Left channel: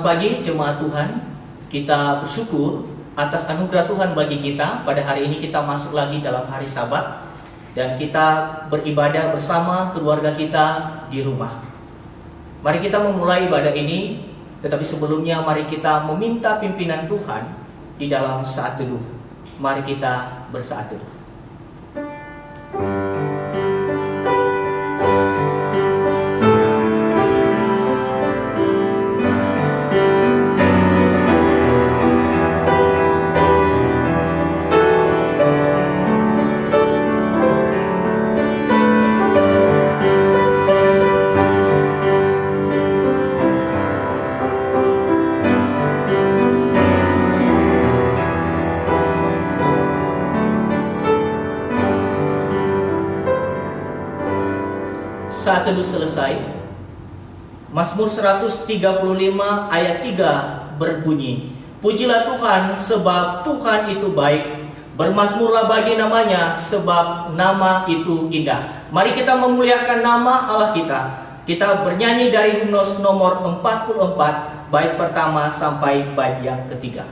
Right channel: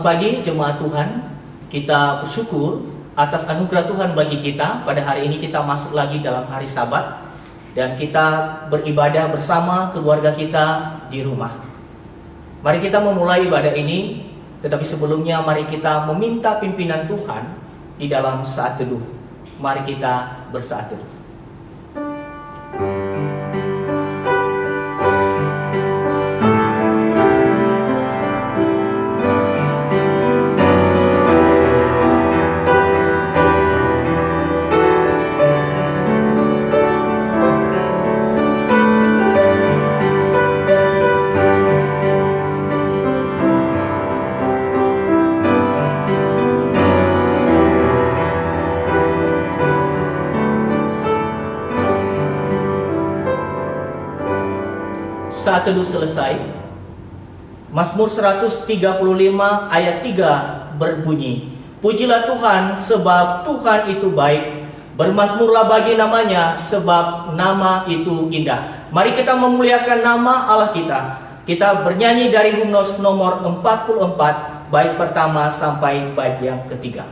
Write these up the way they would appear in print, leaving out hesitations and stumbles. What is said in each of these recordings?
Selamat pagi jemaat Tuhan. Kita bersyukur atas anugerah Tuhan bagi kita. Pada hari ini kita masuk lagi dalam hari Sabat dan kita beribadah bersama keluarga kita di rumah. Mari kita memulai ibadah ini, tetapi sebelumnya mari kita meminta pimpinan Tuhan di dalam saat teduh. Mari kita bersaat teduh. Saat teduh selesai, Mazmur 135 ayat 3 berbunyi, pujilah Tuhan sebab Tuhan itu baik, bermazmurlah bagi namanya sebab nama itu indah. Mari kita memuliakan nama Allah kita. Kita bernyanyi dari himnos nomor 44, bait pertama sampai bait yang ketiga.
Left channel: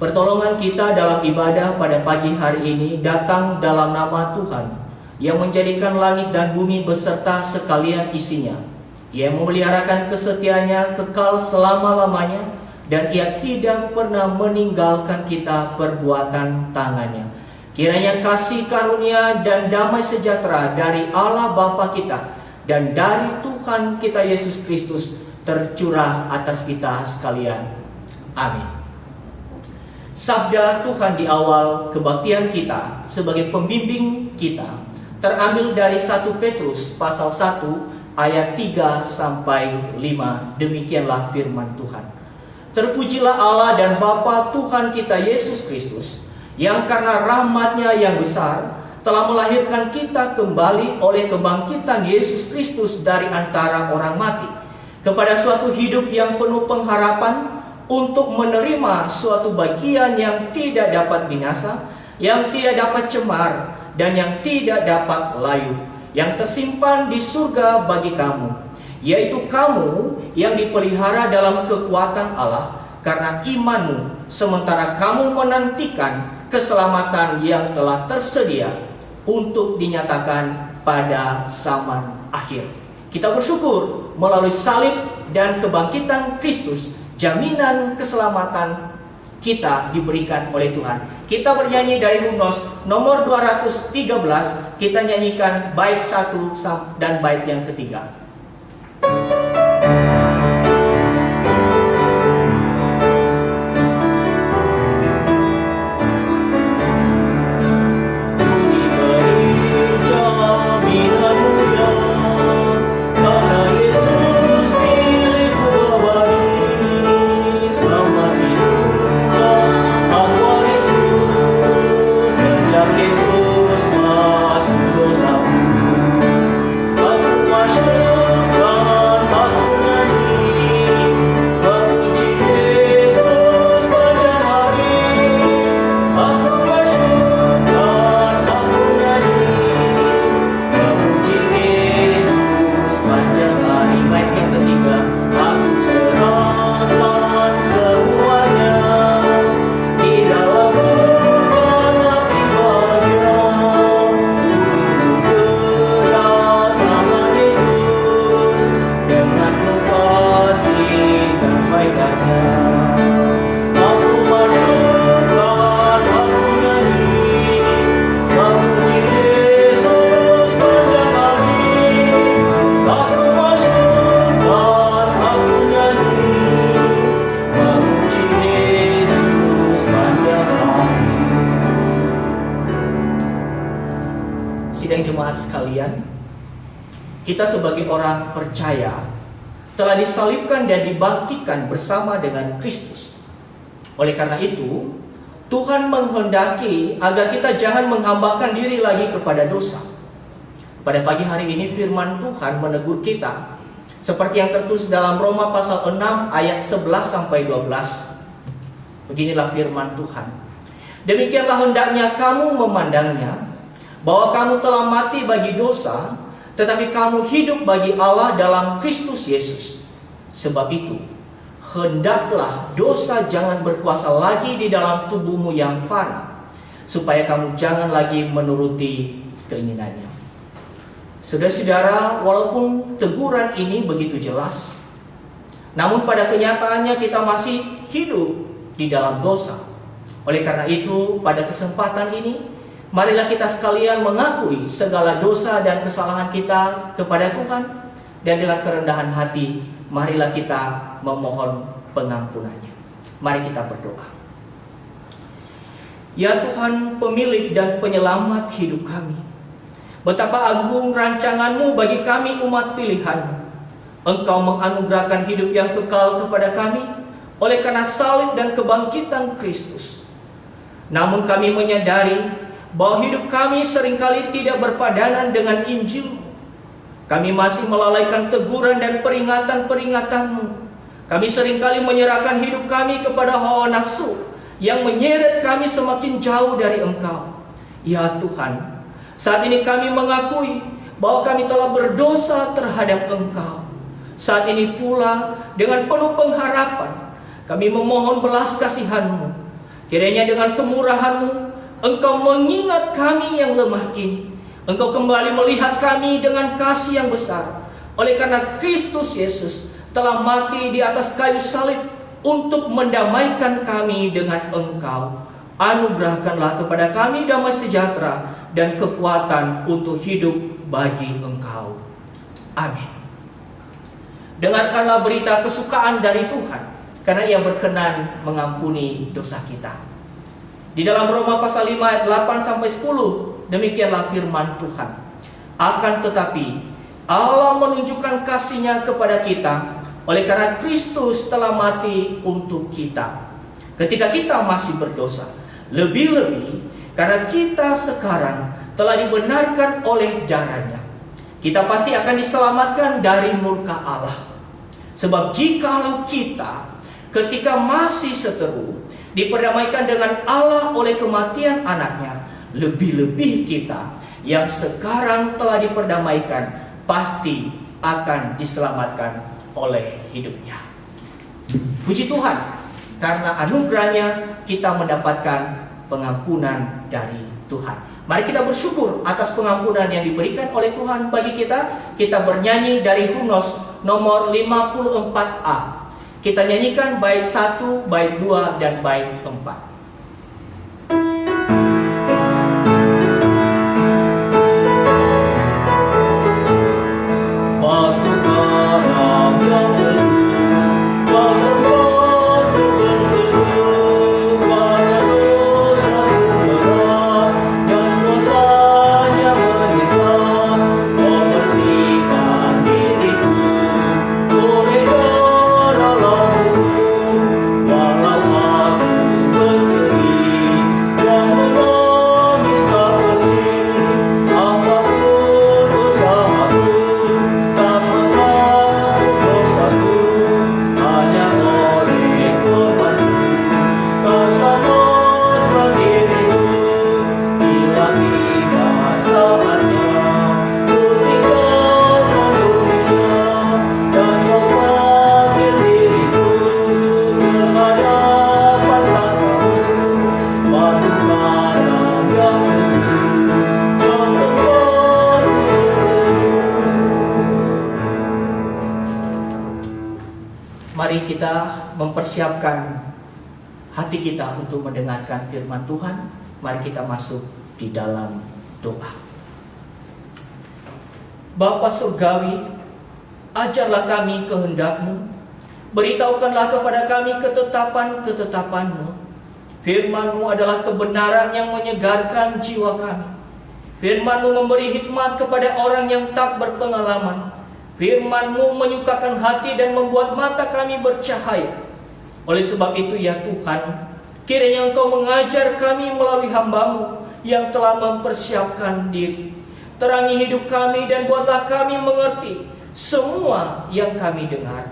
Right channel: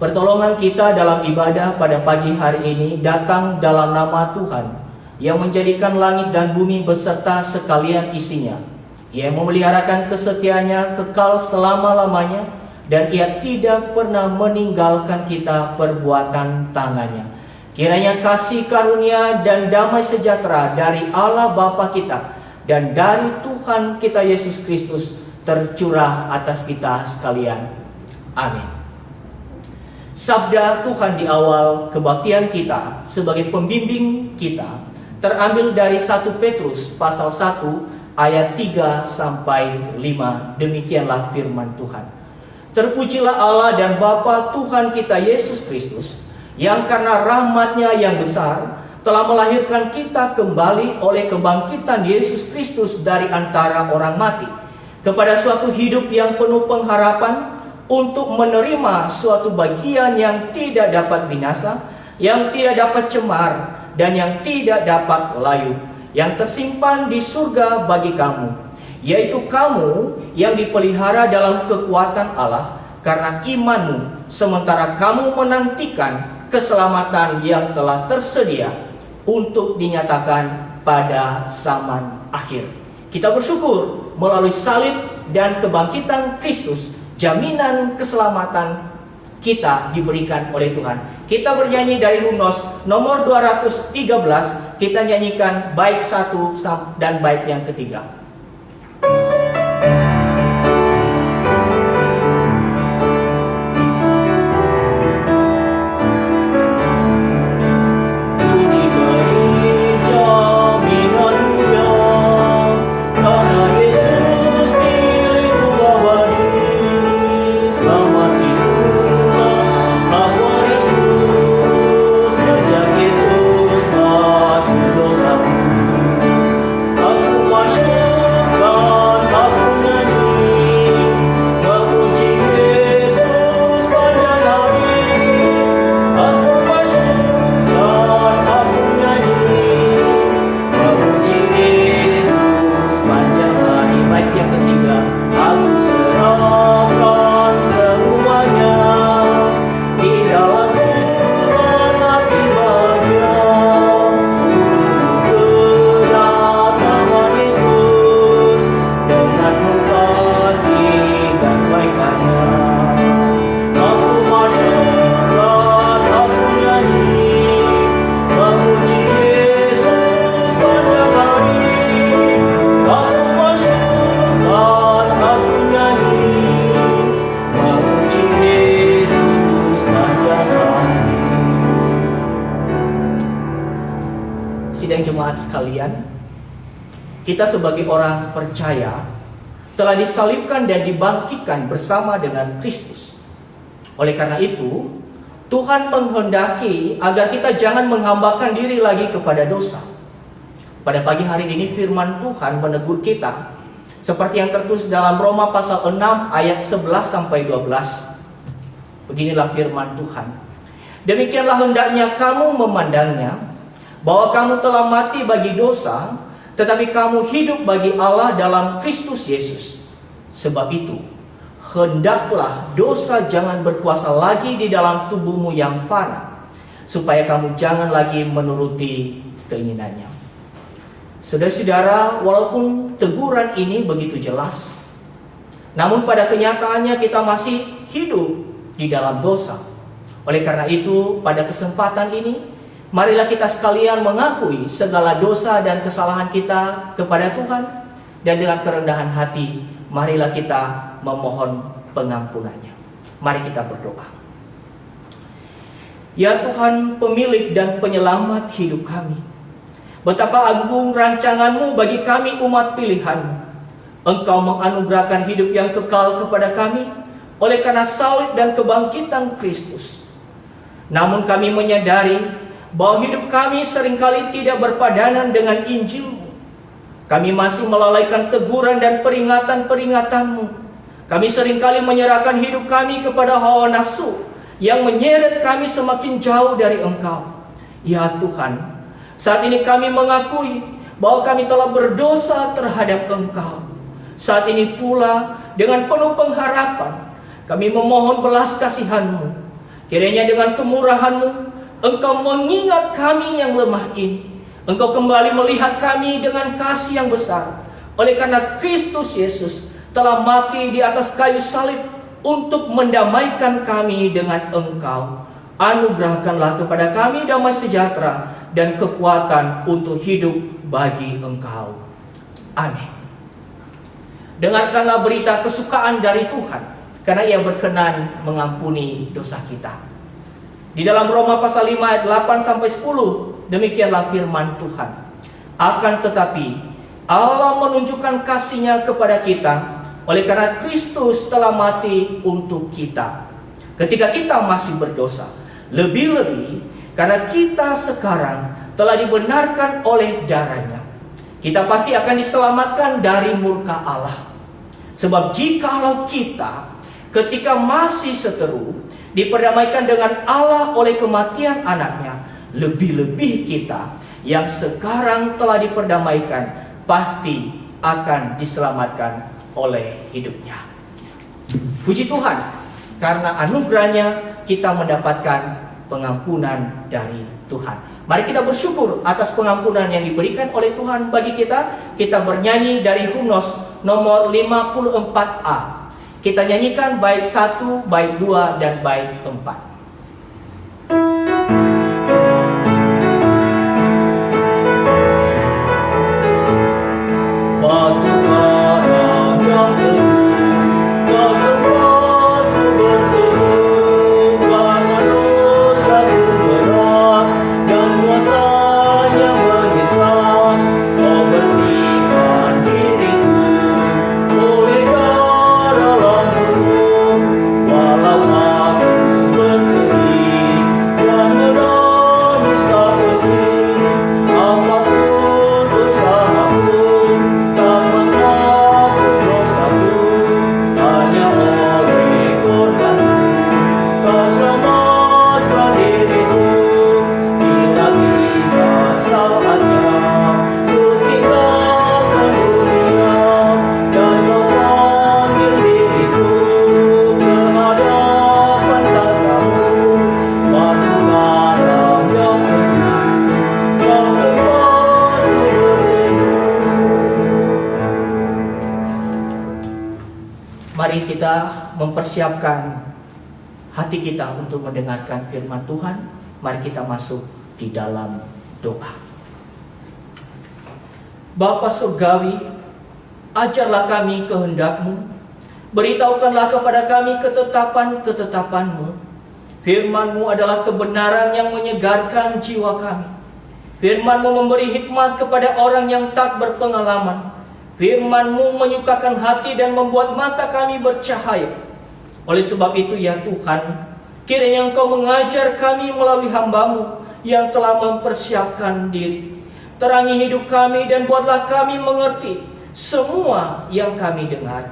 Pertolongan kita dalam ibadah pada pagi hari ini datang dalam nama Tuhan yang menjadikan langit dan bumi beserta sekalian isinya. Ia memeliharakan kesetiaannya kekal selama-lamanya dan ia tidak pernah meninggalkan kita perbuatan tangannya. Kiranya kasih karunia dan damai sejahtera dari Allah Bapa kita dan dari Tuhan kita Yesus Kristus tercurah atas kita sekalian. Amin. Sabda Tuhan di awal kebaktian kita sebagai pembimbing kita terambil dari 1 Petrus pasal 1 ayat 3 sampai 5. Demikianlah firman Tuhan. Terpujilah Allah dan Bapa Tuhan kita Yesus Kristus, yang karena rahmat-Nya yang besar telah melahirkan kita kembali oleh kebangkitan Yesus Kristus dari antara orang mati kepada suatu hidup yang penuh pengharapan, untuk menerima suatu bagian yang tidak dapat binasa, yang tidak dapat cemar, dan yang tidak dapat layu, yang tersimpan di surga bagi kamu, yaitu kamu yang dipelihara dalam kekuatan Allah karena imanmu, sementara kamu menantikan keselamatan yang telah tersedia untuk dinyatakan pada zaman akhir. Kita bersyukur melalui salib dan kebangkitan Kristus, jaminan keselamatan kita diberikan oleh Tuhan. Kita bernyanyi dari himnos nomor 213, kita nyanyikan bait 1 dan bait yang ketiga. Selamat sidang jemaat sekalian, kita sebagai orang percaya telah disalibkan dan dibangkitkan bersama dengan Kristus. Oleh karena itu, Tuhan menghendaki agar kita jangan menghambakan diri lagi kepada dosa. Pada pagi hari ini firman Tuhan menegur kita seperti yang tertulis dalam Roma pasal 6 ayat 11 sampai 12. Beginilah firman Tuhan. Demikianlah hendaknya kamu memandangnya, bahwa kamu telah mati bagi dosa, tetapi kamu hidup bagi Allah dalam Kristus Yesus. Sebab itu, hendaklah dosa jangan berkuasa lagi di dalam tubuhmu yang fana, supaya kamu jangan lagi menuruti keinginannya. Saudara-saudara, walaupun teguran ini begitu jelas, namun pada kenyataannya kita masih hidup di dalam dosa. Oleh karena itu, pada kesempatan ini, marilah kita sekalian mengakui segala dosa dan kesalahan kita kepada Tuhan, dan dengan kerendahan hati, marilah kita memohon pengampunannya. Mari kita berdoa. Ya Tuhan, pemilik dan penyelamat hidup kami, betapa agung rancangan-Mu bagi kami umat pilihan-Mu. Engkau menganugerahkan hidup yang kekal kepada kami oleh karena salib dan kebangkitan Kristus. Namun kami menyadari bahwa hidup kami seringkali tidak berpadanan dengan Injil-Mu. Kami masih melalaikan teguran dan peringatan-peringatan-Mu. Kami seringkali menyerahkan hidup kami kepada hawa nafsu yang menyeret kami semakin jauh dari Engkau. Ya Tuhan, saat ini kami mengakui bahwa kami telah berdosa terhadap Engkau. Saat ini pula dengan penuh pengharapan kami memohon belas kasihan-Mu. Kiranya dengan kemurahan-Mu Engkau mengingat kami yang lemah ini. Engkau kembali melihat kami dengan kasih yang besar. Oleh karena Kristus Yesus telah mati di atas kayu salib untuk mendamaikan kami dengan Engkau. Anugerahkanlah kepada kami damai sejahtera dan kekuatan untuk hidup bagi Engkau. Amin. Dengarkanlah berita kesukaan dari Tuhan, karena Ia berkenan mengampuni dosa kita. Di dalam Roma pasal 5 ayat 8 sampai 10, demikianlah firman Tuhan. Akan tetapi Allah menunjukkan kasih-Nya kepada kita oleh karena Kristus telah mati untuk kita ketika kita masih berdosa. Lebih-lebih karena kita sekarang telah dibenarkan oleh darah-Nya, kita pasti akan diselamatkan dari murka Allah. Sebab jikalau kita ketika masih seteru diperdamaikan dengan Allah oleh kematian anaknya, lebih-lebih kita yang sekarang telah diperdamaikan pasti akan diselamatkan oleh hidupnya. Puji Tuhan, karena anugerahnya kita mendapatkan pengampunan dari Tuhan. Mari kita bersyukur atas pengampunan yang diberikan oleh Tuhan bagi kita. Kita bernyanyi dari himnos nomor 54A. Kita nyanyikan bait 1, bait 2, dan bait 4. Mari kita mempersiapkan hati kita untuk mendengarkan firman Tuhan. Mari kita masuk di dalam doa. Bapa Surgawi, ajarlah kami kehendak-Mu, beritahukanlah kepada kami ketetapan-ketetapan-Mu. Firman-Mu adalah kebenaran yang menyegarkan jiwa kami. Firman-Mu memberi hikmat kepada orang yang tak berpengalaman. Firman-Mu menyukakan hati dan membuat mata kami bercahaya. Oleh sebab itu ya Tuhan, kiranya Engkau mengajar kami melalui hamba-Mu yang telah mempersiapkan diri. Terangi hidup kami dan buatlah kami mengerti semua yang kami dengar.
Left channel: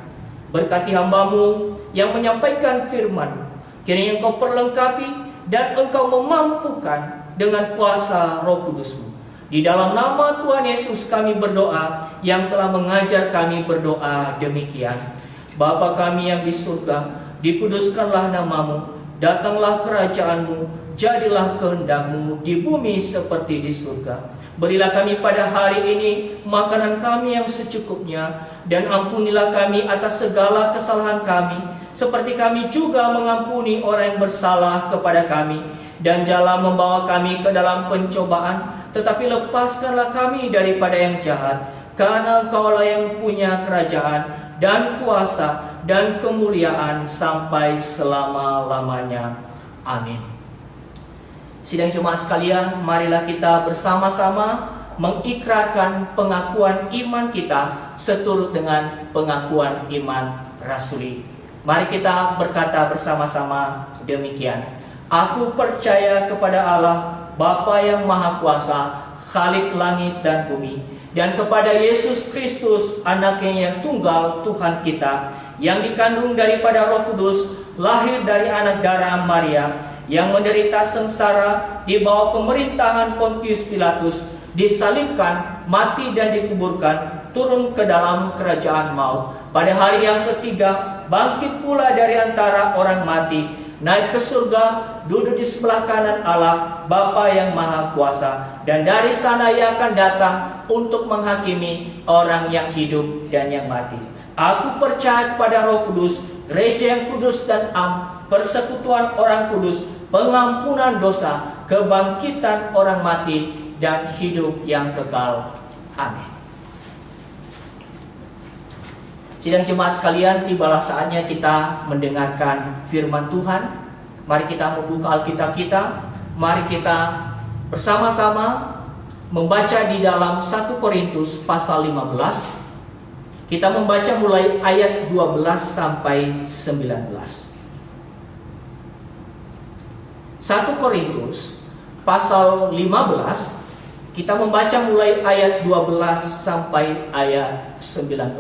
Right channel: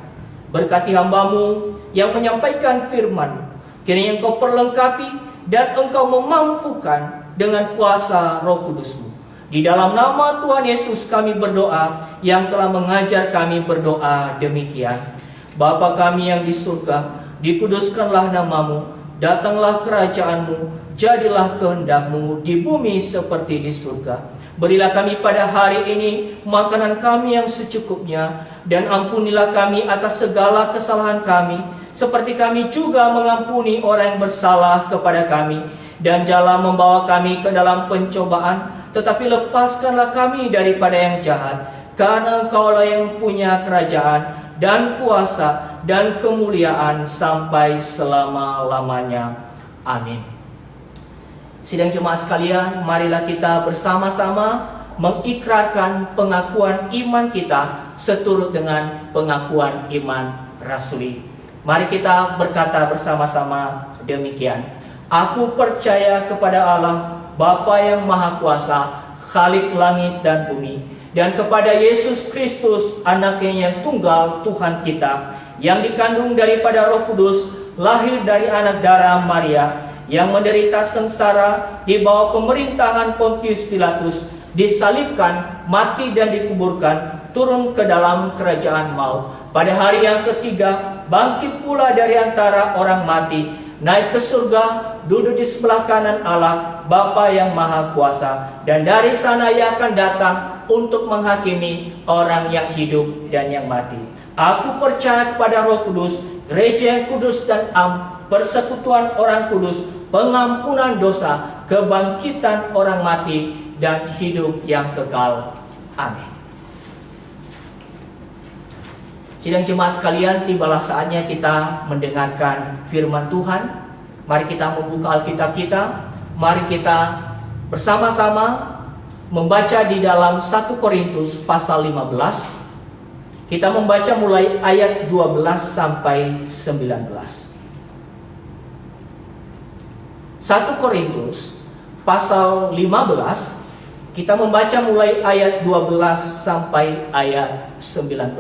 Berkati hamba-Mu yang menyampaikan firman. Kiranya Engkau perlengkapi dan Engkau memampukan dengan kuasa Roh Kudus-Mu. Di dalam nama Tuhan Yesus kami berdoa, yang telah mengajar kami berdoa demikian. Bapa kami yang di surga, dikuduskanlah nama-Mu, datanglah kerajaan-Mu, jadilah kehendak-Mu di bumi seperti di surga. Berilah kami pada hari ini makanan kami yang secukupnya, dan ampunilah kami atas segala kesalahan kami, seperti kami juga mengampuni orang yang bersalah kepada kami. Dan janganlah membawa kami ke dalam pencobaan, tetapi lepaskanlah kami daripada yang jahat. Karena Engkaulah yang punya kerajaan dan kuasa dan kemuliaan sampai selama-lamanya. Amin. Sidang jemaat sekalian, marilah kita bersama-sama mengikrarkan pengakuan iman kita seturut dengan pengakuan iman rasuli. Mari kita berkata bersama-sama demikian. Aku percaya kepada Allah, Bapa yang Maha Kuasa, Khalik langit dan bumi, dan kepada Yesus Kristus, Anaknya yang tunggal, Tuhan kita, yang dikandung daripada Roh Kudus, lahir dari anak darah Maria, yang menderita sengsara di bawah pemerintahan Pontius Pilatus, disalibkan, mati dan dikuburkan, turun ke dalam kerajaan maut. Pada hari yang ketiga, bangkit pula dari antara orang mati, naik ke surga, duduk di sebelah kanan Allah, Bapa yang Maha Kuasa, dan dari sana Ia akan datang untuk menghakimi orang yang hidup dan yang mati. Aku percaya kepada Roh Kudus, gereja yang kudus dan am, persekutuan orang kudus, pengampunan dosa, kebangkitan orang mati, dan hidup yang kekal. Amin. Sidang jemaat sekalian, tibalah saatnya kita mendengarkan firman Tuhan. Mari kita membuka Alkitab kita. Mari kita bersama-sama membaca di dalam 1 Korintus pasal 15. Kita membaca mulai ayat 12 sampai 19. 1 Korintus pasal 15, kita membaca mulai ayat 12 sampai ayat 19.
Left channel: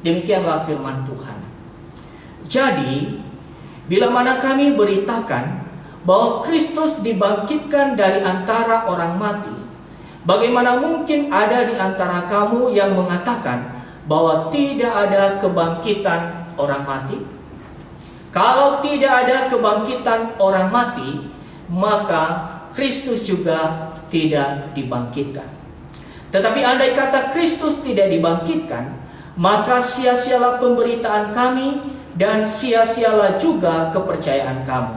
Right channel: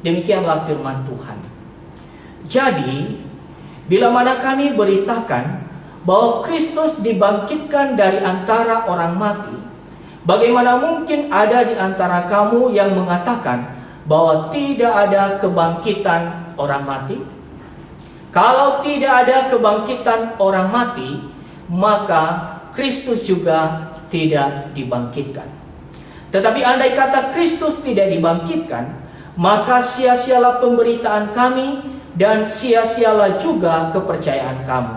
Demikianlah firman Tuhan. Jadi, bila mana kami beritakan bahwa Kristus dibangkitkan dari antara orang mati, bagaimana mungkin ada di antara kamu yang mengatakan bahwa tidak ada kebangkitan orang mati? Kalau tidak ada kebangkitan orang mati, maka Kristus juga tidak dibangkitkan. Tetapi andai kata Kristus tidak dibangkitkan, maka sia-sialah pemberitaan kami dan sia-sialah juga kepercayaan kamu.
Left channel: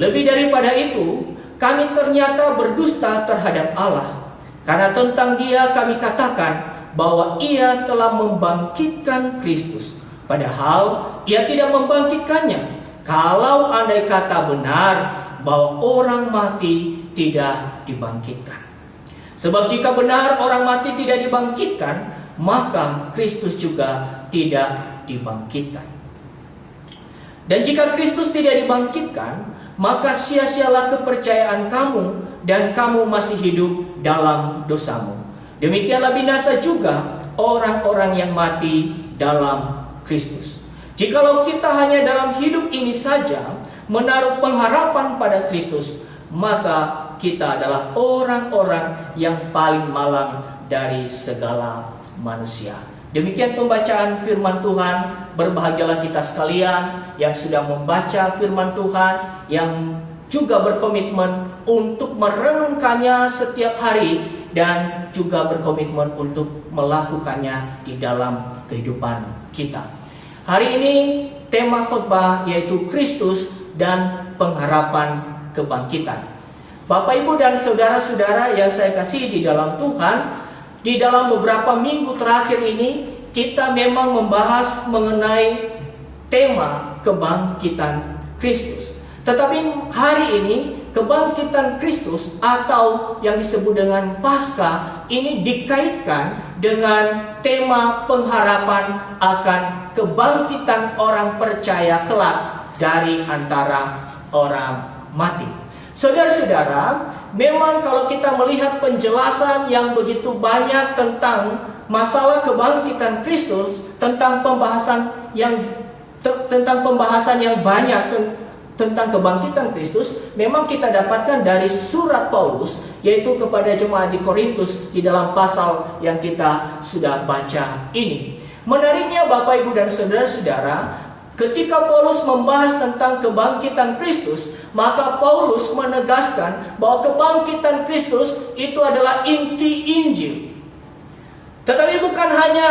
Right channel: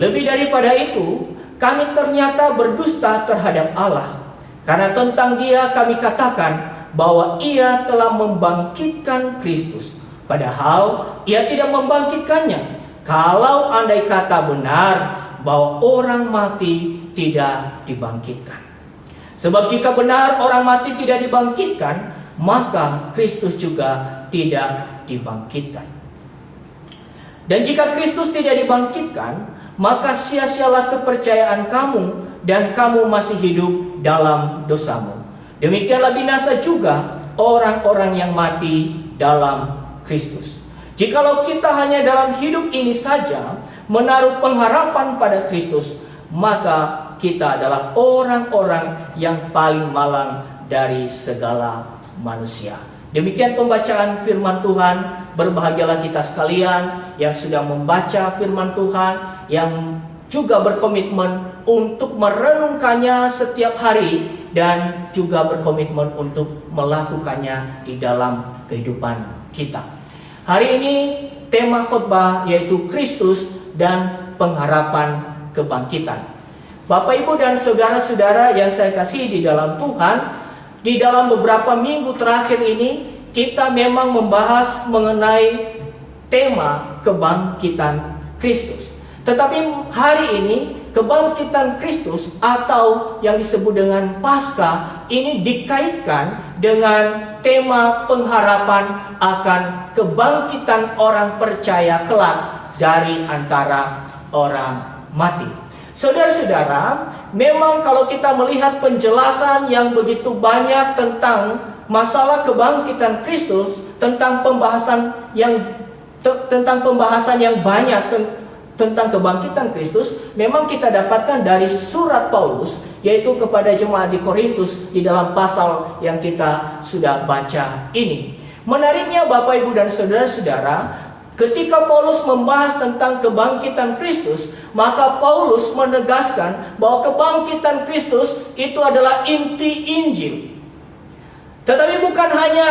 Lebih daripada itu, kami ternyata berdusta terhadap Allah, karena tentang Dia kami katakan bahwa Ia telah membangkitkan Kristus, padahal Ia tidak membangkitkannya. Kalau andai kata benar bahwa orang mati tidak dibangkitkan. Sebab jika benar orang mati tidak dibangkitkan, maka Kristus juga tidak dibangkitkan. Dan jika Kristus tidak dibangkitkan, maka sia-sialah kepercayaan kamu dan kamu masih hidup dalam dosamu. Demikianlah binasa juga orang-orang yang mati dalam Kristus. Jikalau kita hanya dalam hidup ini saja menaruh pengharapan pada Kristus, maka kita adalah orang-orang yang paling malang dari segala manusia. Demikian pembacaan firman Tuhan. Berbahagialah kita sekalian yang sudah membaca firman Tuhan, yang juga berkomitmen untuk merenungkannya setiap hari, dan juga berkomitmen untuk melakukannya di dalam kehidupan kita. Hari ini tema khotbah yaitu Kristus dan pengharapan kebangkitan. Bapak, Ibu, dan saudara-saudara yang saya kasihi di dalam Tuhan, di dalam beberapa minggu terakhir ini kita memang membahas mengenai tema kebangkitan Kristus. Tetapi hari ini kebangkitan Kristus atau yang disebut dengan Paskah ini dikaitkan dengan tema pengharapan akan kebangkitan orang percaya kelak dari antara orang mati. Saudara-saudara, memang kalau kita melihat penjelasan yang begitu banyak tentang masalah kebangkitan Kristus, tentang pembahasan yang banyak tentang kebangkitan Kristus, memang kita dapatkan dari surat Paulus, yaitu kepada jemaat di Korintus di dalam pasal yang kita sudah baca ini. Menariknya Bapak, Ibu, dan saudara-saudara, ketika Paulus membahas tentang kebangkitan Kristus, maka Paulus menegaskan bahwa kebangkitan Kristus itu adalah inti Injil. Tetapi bukan hanya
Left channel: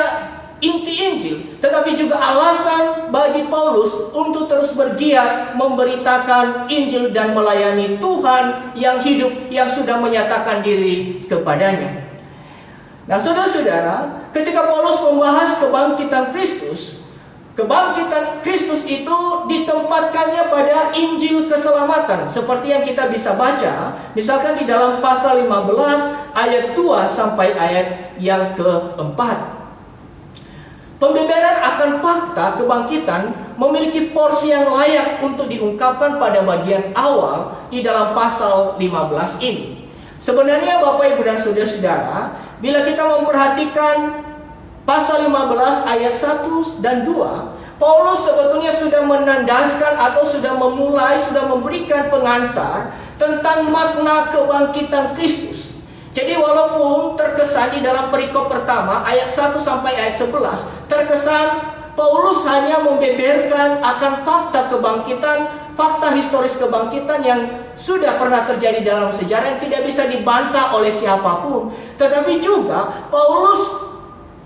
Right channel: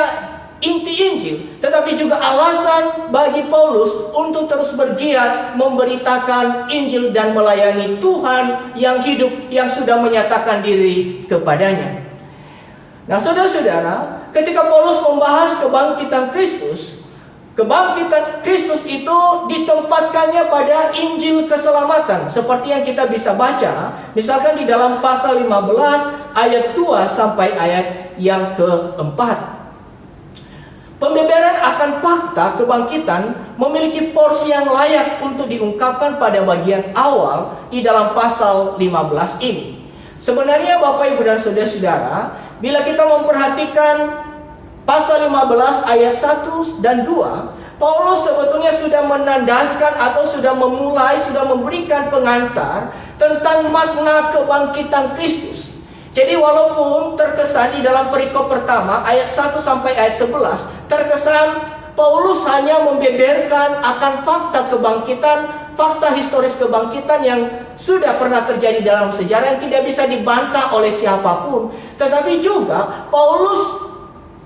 inti Injil, tetapi juga alasan bagi Paulus untuk terus bergiat memberitakan Injil dan melayani Tuhan yang hidup, yang sudah menyatakan diri kepadanya. Nah, saudara-saudara, ketika Paulus membahas kebangkitan Kristus itu ditempatkannya pada Injil keselamatan, seperti yang kita bisa baca misalkan di dalam pasal 15 ayat 2 sampai ayat yang keempat. Pembeberan akan fakta kebangkitan memiliki porsi yang layak untuk diungkapkan pada bagian awal di dalam pasal 15 ini. Sebenarnya Bapak, Ibu, dan saudara-saudara, bila kita memperhatikan pasal 15 ayat 1 dan 2, Paulus sebetulnya sudah menandaskan atau sudah memberikan pengantar tentang makna kebangkitan Kristus. Jadi walaupun terkesan di dalam perikop pertama ayat 1 sampai ayat 11 terkesan Paulus hanya membeberkan akan fakta kebangkitan, fakta historis kebangkitan yang sudah pernah terjadi dalam sejarah yang tidak bisa dibantah oleh siapapun, tetapi juga Paulus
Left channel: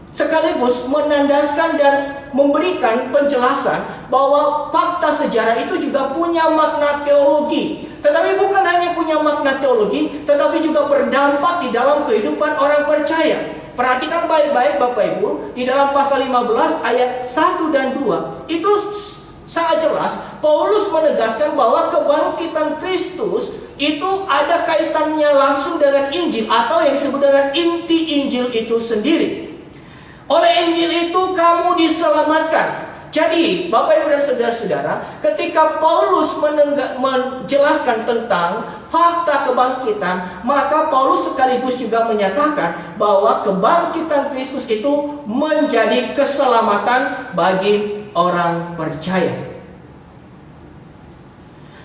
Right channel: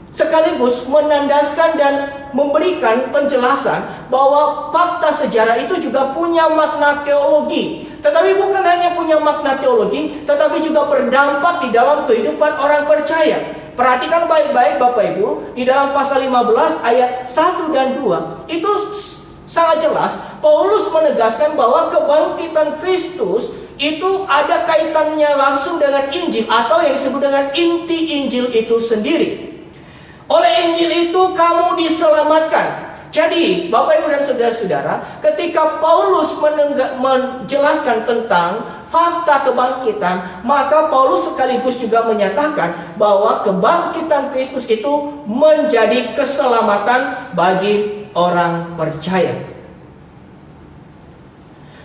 sekaligus menandaskan dan memberikan penjelasan bahwa fakta sejarah itu juga punya makna teologi. Tetapi bukan hanya punya makna teologi, tetapi juga berdampak di dalam kehidupan orang percaya. Perhatikan baik-baik Bapak Ibu, di dalam pasal 15 ayat 1 dan 2, itu sangat jelas Paulus menegaskan bahwa kebangkitan Kristus itu ada kaitannya langsung dengan Injil atau yang disebut dengan inti Injil itu sendiri. Oleh Injil itu kamu diselamatkan. Jadi Bapak, Ibu, dan saudara-saudara, ketika Paulus menjelaskan tentang fakta kebangkitan, maka Paulus sekaligus juga menyatakan bahwa kebangkitan Kristus itu menjadi keselamatan bagi orang percaya.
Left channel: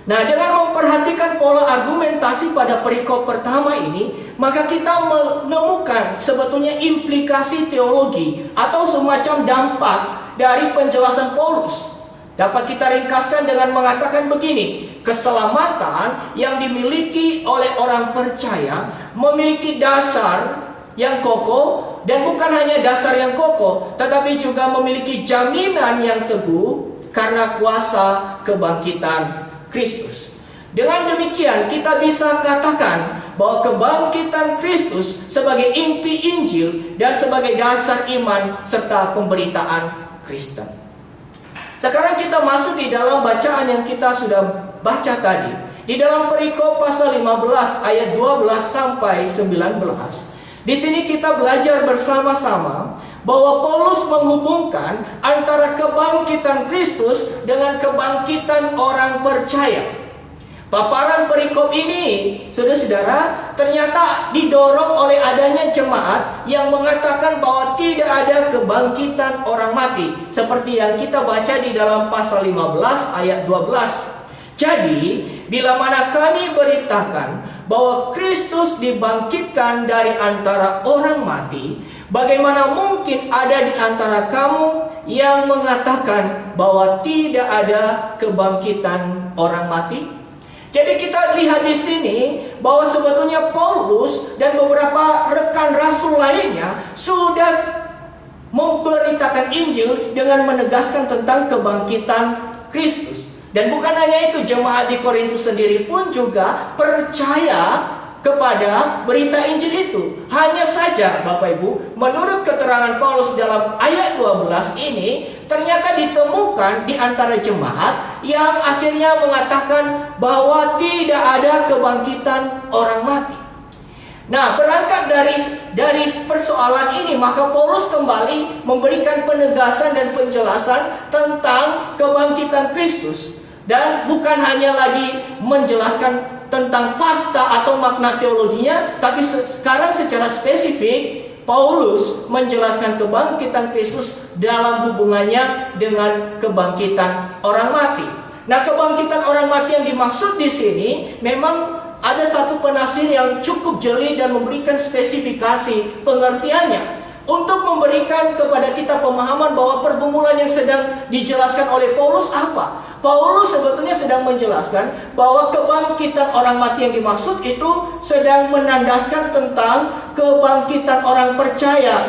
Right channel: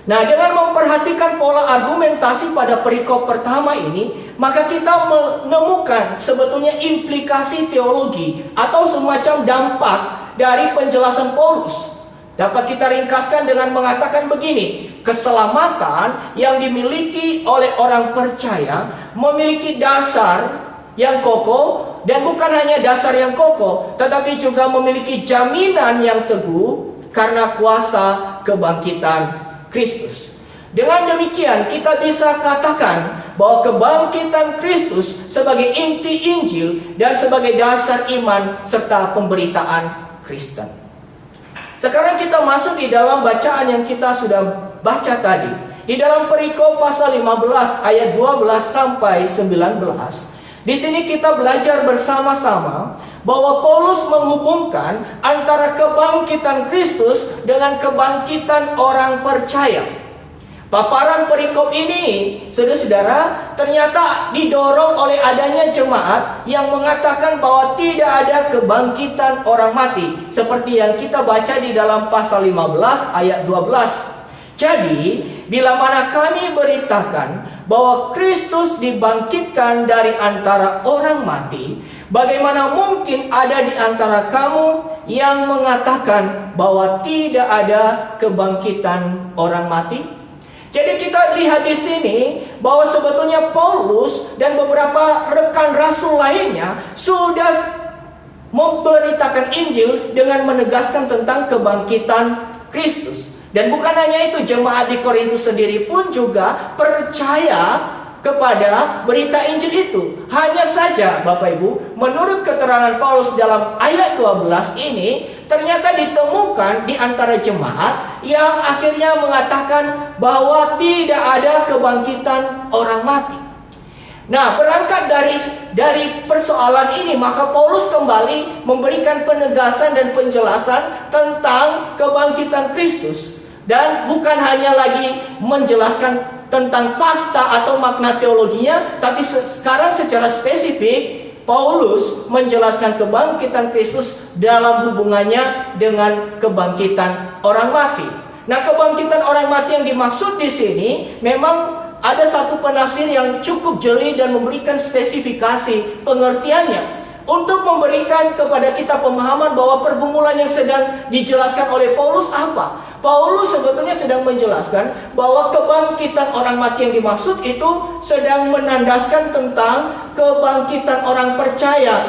Nah, dengan memperhatikan pola argumentasi pada perikop pertama ini, maka kita menemukan sebetulnya implikasi teologi atau semacam dampak dari penjelasan Paulus. Dapat kita ringkaskan dengan mengatakan begini: keselamatan yang dimiliki oleh orang percaya memiliki dasar yang kokoh, dan bukan hanya dasar yang kokoh, tetapi juga memiliki jaminan yang teguh karena kuasa kebangkitan Kristus. Dengan demikian kita bisa katakan bahwa kebangkitan Kristus sebagai inti Injil dan sebagai dasar iman serta pemberitaan Kristen. Sekarang kita masuk di dalam bacaan yang kita sudah baca tadi. Di dalam perikop pasal 15 ayat 12 sampai 19. Di sini kita belajar bersama-sama bahwa Paulus menghubungkan antara kebangkitan Kristus dengan kebangkitan orang percaya. Paparan perikop ini, saudara-saudara, ternyata didorong oleh adanya jemaat yang mengatakan bahwa tidak ada kebangkitan orang mati, seperti yang kita baca di dalam pasal 15 ayat 12. Jadi, bila mana kami beritakan bahwa Kristus dibangkitkan dari antara orang mati, bagaimana mungkin ada di antara kamu yang mengatakan bahwa tidak ada kebangkitan orang mati? Jadi kita lihat di sini bahwa sebetulnya Paulus dan beberapa rekan rasul lainnya sudah memberitakan Injil dengan menegaskan tentang kebangkitan Kristus. Dan bukan hanya itu, jemaat di Korintus sendiri pun juga percaya kepada berita Injil itu. Hanya saja Bapak Ibu, menurut keterangan Paulus dalam ayat 12 ini, ternyata ditemukan di antara jemaat yang akhirnya mengatakan bahwa tidak ada kebangkitan orang mati. Nah, berangkat dari persoalan ini, maka Paulus kembali memberikan penegasan dan penjelasan tentang kebangkitan Kristus. Dan bukan hanya lagi menjelaskan tentang fakta atau makna teologinya, tapi sekarang secara spesifik Paulus menjelaskan kebangkitan Kristus dalam hubungannya dengan kebangkitan orang mati. Nah, kebangkitan orang mati yang dimaksud di sini memang ada satu penafsir yang cukup jeli dan memberikan spesifikasi pengertiannya untuk memberikan kepada kita pemahaman bahwa pergumulan yang sedang dijelaskan oleh Paulus apa. Paulus sebetulnya sedang menjelaskan bahwa kebangkitan orang mati yang dimaksud itu sedang menandaskan tentang kebangkitan orang percaya.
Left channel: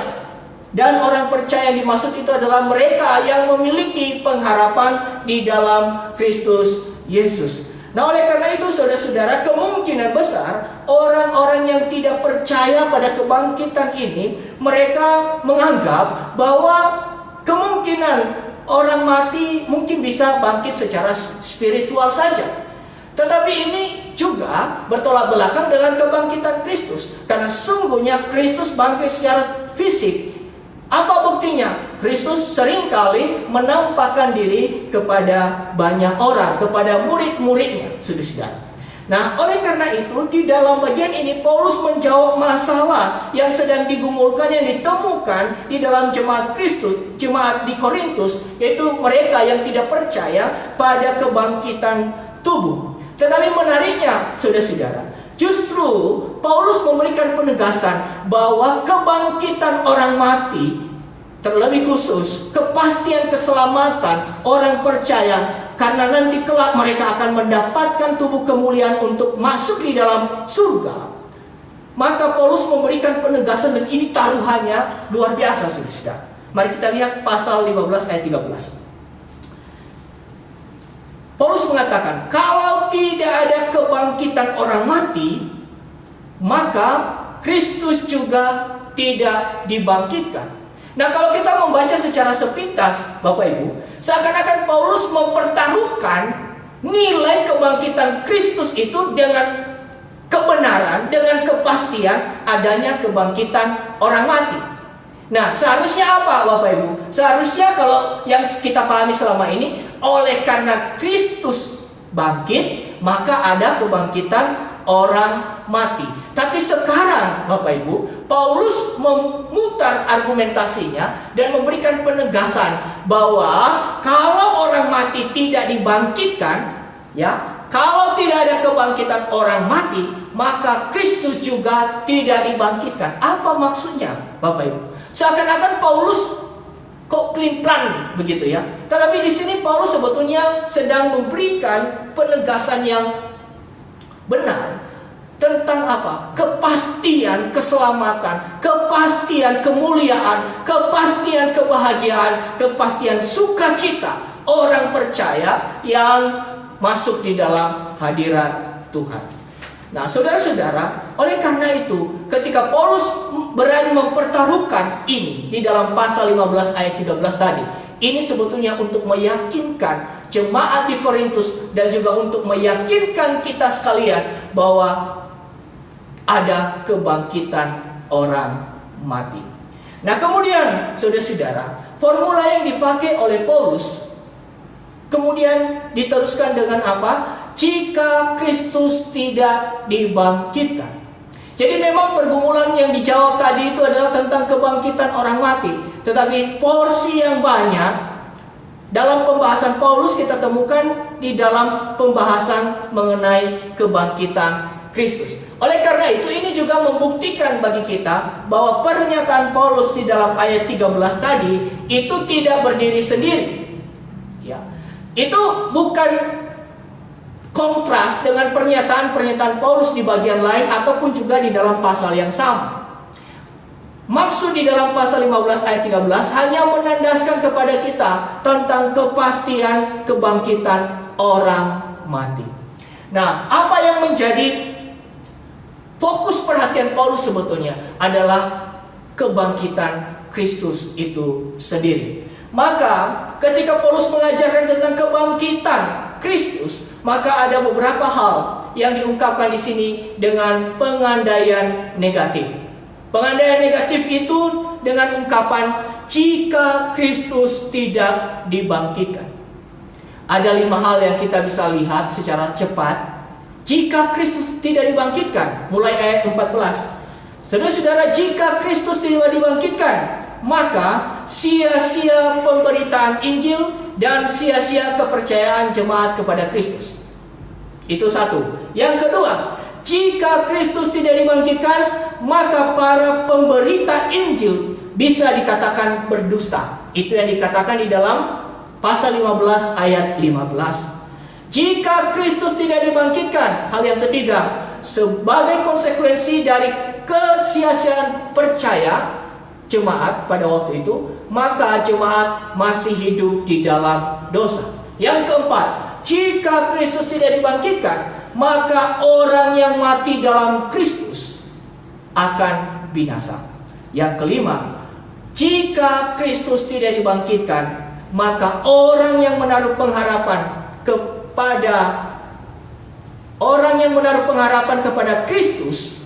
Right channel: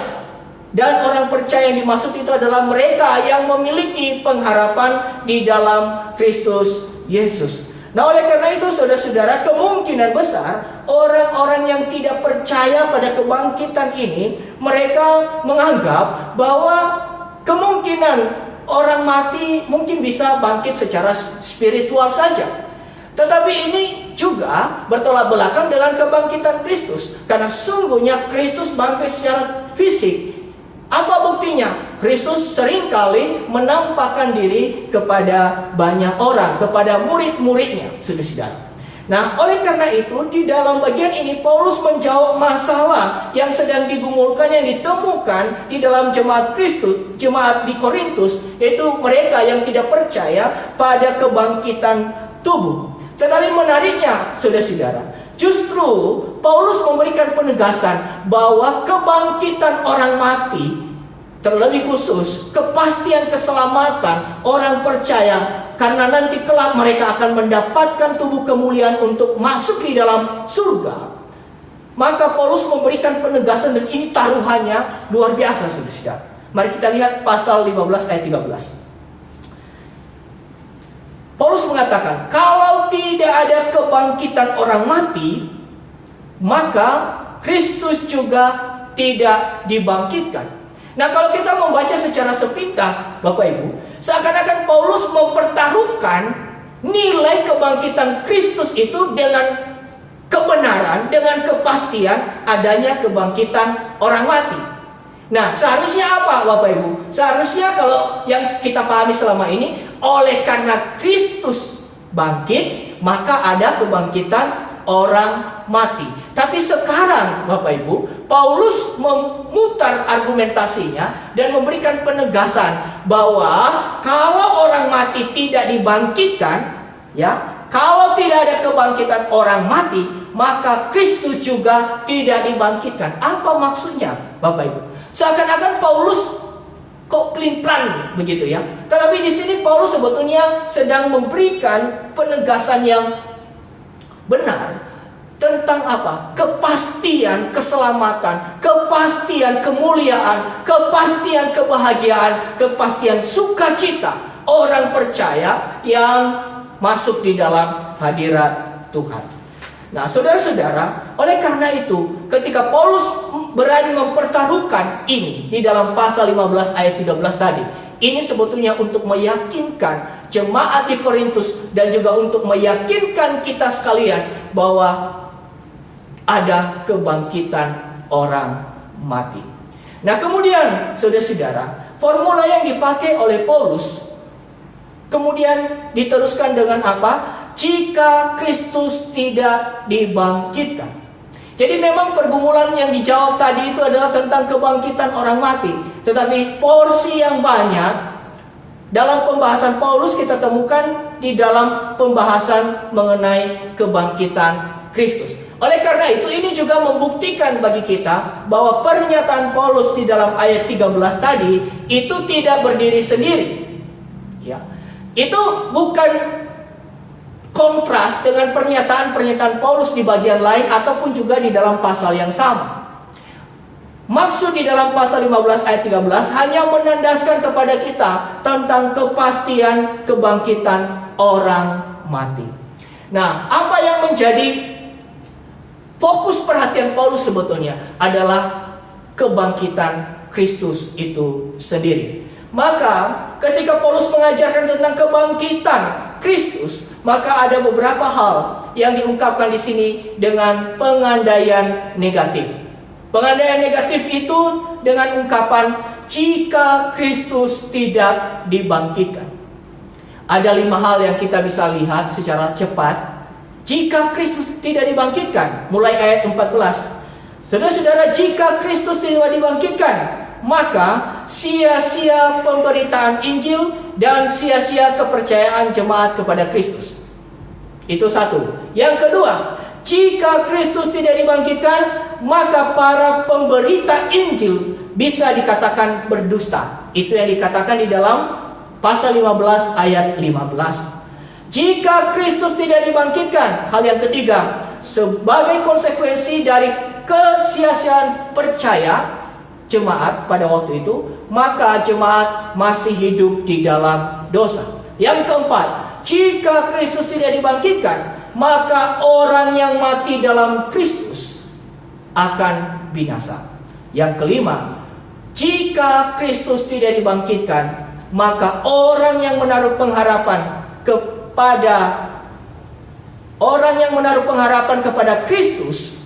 Dan orang percaya yang dimaksud itu adalah mereka yang memiliki pengharapan di dalam Kristus Yesus. Nah, oleh karena itu saudara-saudara, kemungkinan besar orang-orang yang tidak percaya pada kebangkitan ini, mereka menganggap bahwa kemungkinan orang mati mungkin bisa bangkit secara spiritual saja. Tetapi ini juga bertolak belakang dengan kebangkitan Kristus, karena sungguhnya Kristus bangkit secara fisik. Apa buktinya? Kristus seringkali menampakkan diri kepada banyak orang, kepada murid-muridnya, saudara-saudara. Nah, oleh karena itu, di dalam bagian ini Paulus menjawab masalah yang sedang digumulkan, yang ditemukan di dalam jemaat Kristus, jemaat di Korintus, yaitu mereka yang tidak percaya pada kebangkitan tubuh. Tetapi menariknya, saudara-saudara, justru Paulus memberikan penegasan bahwa kebangkitan orang mati, terlebih khusus kepastian keselamatan orang percaya, karena nanti kelak mereka akan mendapatkan tubuh kemuliaan untuk masuk di dalam surga. Maka Paulus memberikan penegasan, dan ini taruhannya luar biasa, saudara. Mari kita lihat pasal 15 ayat 13. Paulus mengatakan, kalau tidak ada kebangkitan orang mati, maka Kristus juga tidak dibangkitkan. Nah, kalau kita membaca secara sepintas, Bapak Ibu, seakan-akan Paulus mempertaruhkan nilai kebangkitan Kristus itu dengan kebenaran, dengan kepastian adanya kebangkitan orang mati. Nah, seharusnya apa, Bapak Ibu? Seharusnya kalau yang kita pahami selama ini, oleh karena Kristus bangkit, maka ada kebangkitan orang mati. Tapi sekarang, Bapak Ibu, Paulus memutar argumentasinya dan memberikan penegasan bahwa kalau orang mati tidak dibangkitkan, ya, kalau tidak ada kebangkitan orang mati, maka Kristus juga tidak dibangkitkan. Apa maksudnya, Bapak Ibu? Seakan-akan Paulus kok klin-plan begitu ya. Tetapi di sini Paulus sebetulnya sedang memberikan penegasan yang benar tentang apa? Kepastian keselamatan, kepastian kemuliaan, kepastian kebahagiaan, kepastian sukacita orang percaya yang masuk di dalam hadirat Tuhan. Nah, saudara-saudara, oleh karena itu, ketika Paulus berani mempertaruhkan ini di dalam pasal 15 ayat 13 tadi, ini sebetulnya untuk meyakinkan jemaat di Korintus dan juga untuk meyakinkan kita sekalian bahwa ada kebangkitan orang mati. Nah, kemudian saudara-saudara, formula yang dipakai oleh Paulus kemudian diteruskan dengan apa? Jika Kristus tidak dibangkitkan. Jadi memang pergumulan yang dijawab tadi itu adalah tentang kebangkitan orang mati. Tetapi porsi yang banyak dalam pembahasan Paulus kita temukan di dalam pembahasan mengenai kebangkitan Kristus. Oleh karena itu, ini juga membuktikan bagi kita bahwa pernyataan Paulus di dalam ayat 13 tadi itu tidak berdiri sendiri. Ya. Itu bukan kontras dengan pernyataan-pernyataan Paulus di bagian lain ataupun juga di dalam pasal yang sama. Maksud di dalam pasal 15 ayat 13 hanya menandaskan kepada kita tentang kepastian kebangkitan orang mati. Nah, apa yang menjadi fokus perhatian Paulus sebetulnya adalah kebangkitan Kristus itu sendiri. Maka ketika Paulus mengajarkan tentang kebangkitan Kristus, maka ada beberapa hal yang diungkapkan di sini dengan pengandaian negatif. Pengandaian negatif itu dengan ungkapan jika Kristus tidak dibangkitkan. Ada 5 hal yang kita bisa lihat secara cepat. Jika Kristus tidak dibangkitkan, mulai ayat 14. Saudara-saudara, jika Kristus tidak dibangkitkan, maka sia-sia pemberitaan Injil dan sia-sia kepercayaan jemaat kepada Kristus. Itu satu. Yang kedua, jika Kristus tidak dibangkitkan, maka para pemberita Injil bisa dikatakan berdusta. Itu yang dikatakan di dalam pasal 15 ayat 15. Jika Kristus tidak dibangkitkan, hal yang ketiga, sebagai konsekuensi dari kesia-siaan percaya jemaat pada waktu itu, maka jemaat masih hidup di dalam dosa. Yang keempat, jika Kristus tidak dibangkitkan, maka orang yang mati dalam Kristus akan binasa. Yang kelima, jika Kristus tidak dibangkitkan, maka orang yang menaruh pengharapan kepada Kristus,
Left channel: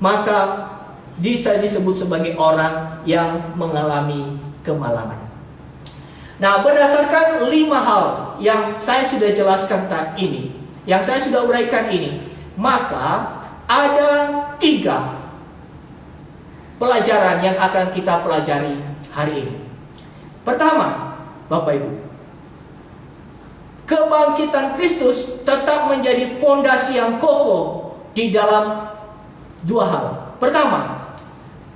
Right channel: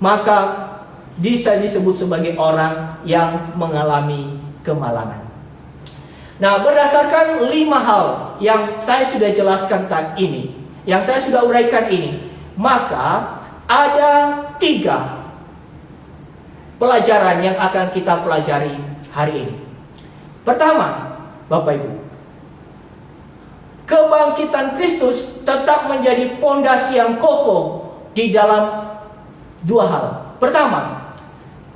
maka bisa disebut sebagai orang yang mengalami kemalangan. Nah, berdasarkan 5 hal yang saya sudah jelaskan tadi ini, yang saya sudah uraikan ini, maka ada 3 pelajaran yang akan kita pelajari hari ini. Pertama, Bapak Ibu, kebangkitan Kristus tetap menjadi fondasi yang kokoh di dalam 2 hal. Pertama,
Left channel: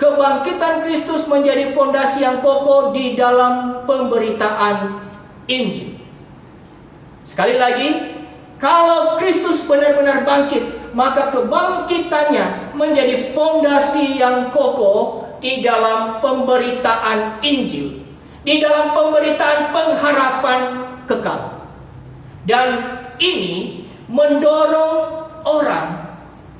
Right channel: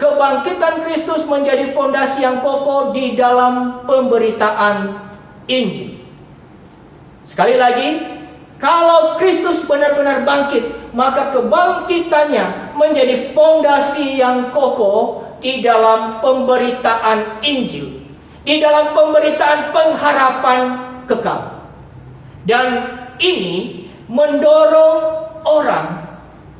kebangkitan Kristus menjadi fondasi yang kokoh di dalam pemberitaan Injil. Sekali lagi, kalau Kristus benar-benar bangkit, maka kebangkitannya menjadi fondasi yang kokoh di dalam pemberitaan Injil, di dalam pemberitaan pengharapan kekal. Dan ini mendorong orang,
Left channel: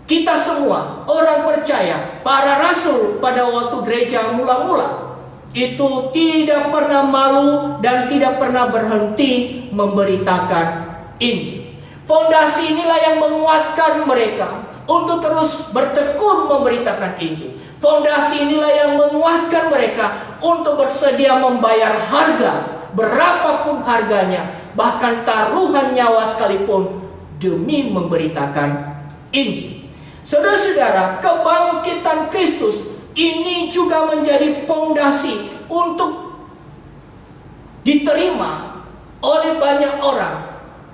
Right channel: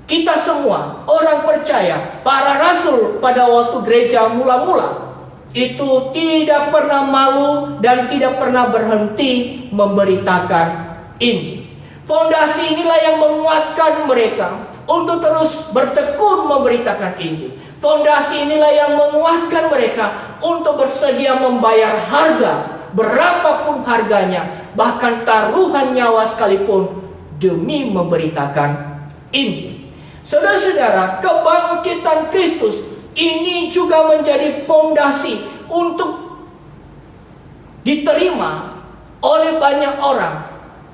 kita semua, orang percaya, para rasul pada waktu gereja mula-mula, itu tidak pernah malu dan tidak pernah berhenti memberitakan Injil. Fondasi inilah yang menguatkan mereka untuk terus bertekun memberitakan Injil. Fondasi inilah yang menguatkan mereka untuk bersedia membayar harga, berapapun harganya, bahkan taruhan nyawa sekalipun, demi memberitakan Injil. Saudara-saudara, kebangkitan Kristus ini juga menjadi fondasi untuk diterima oleh banyak orang,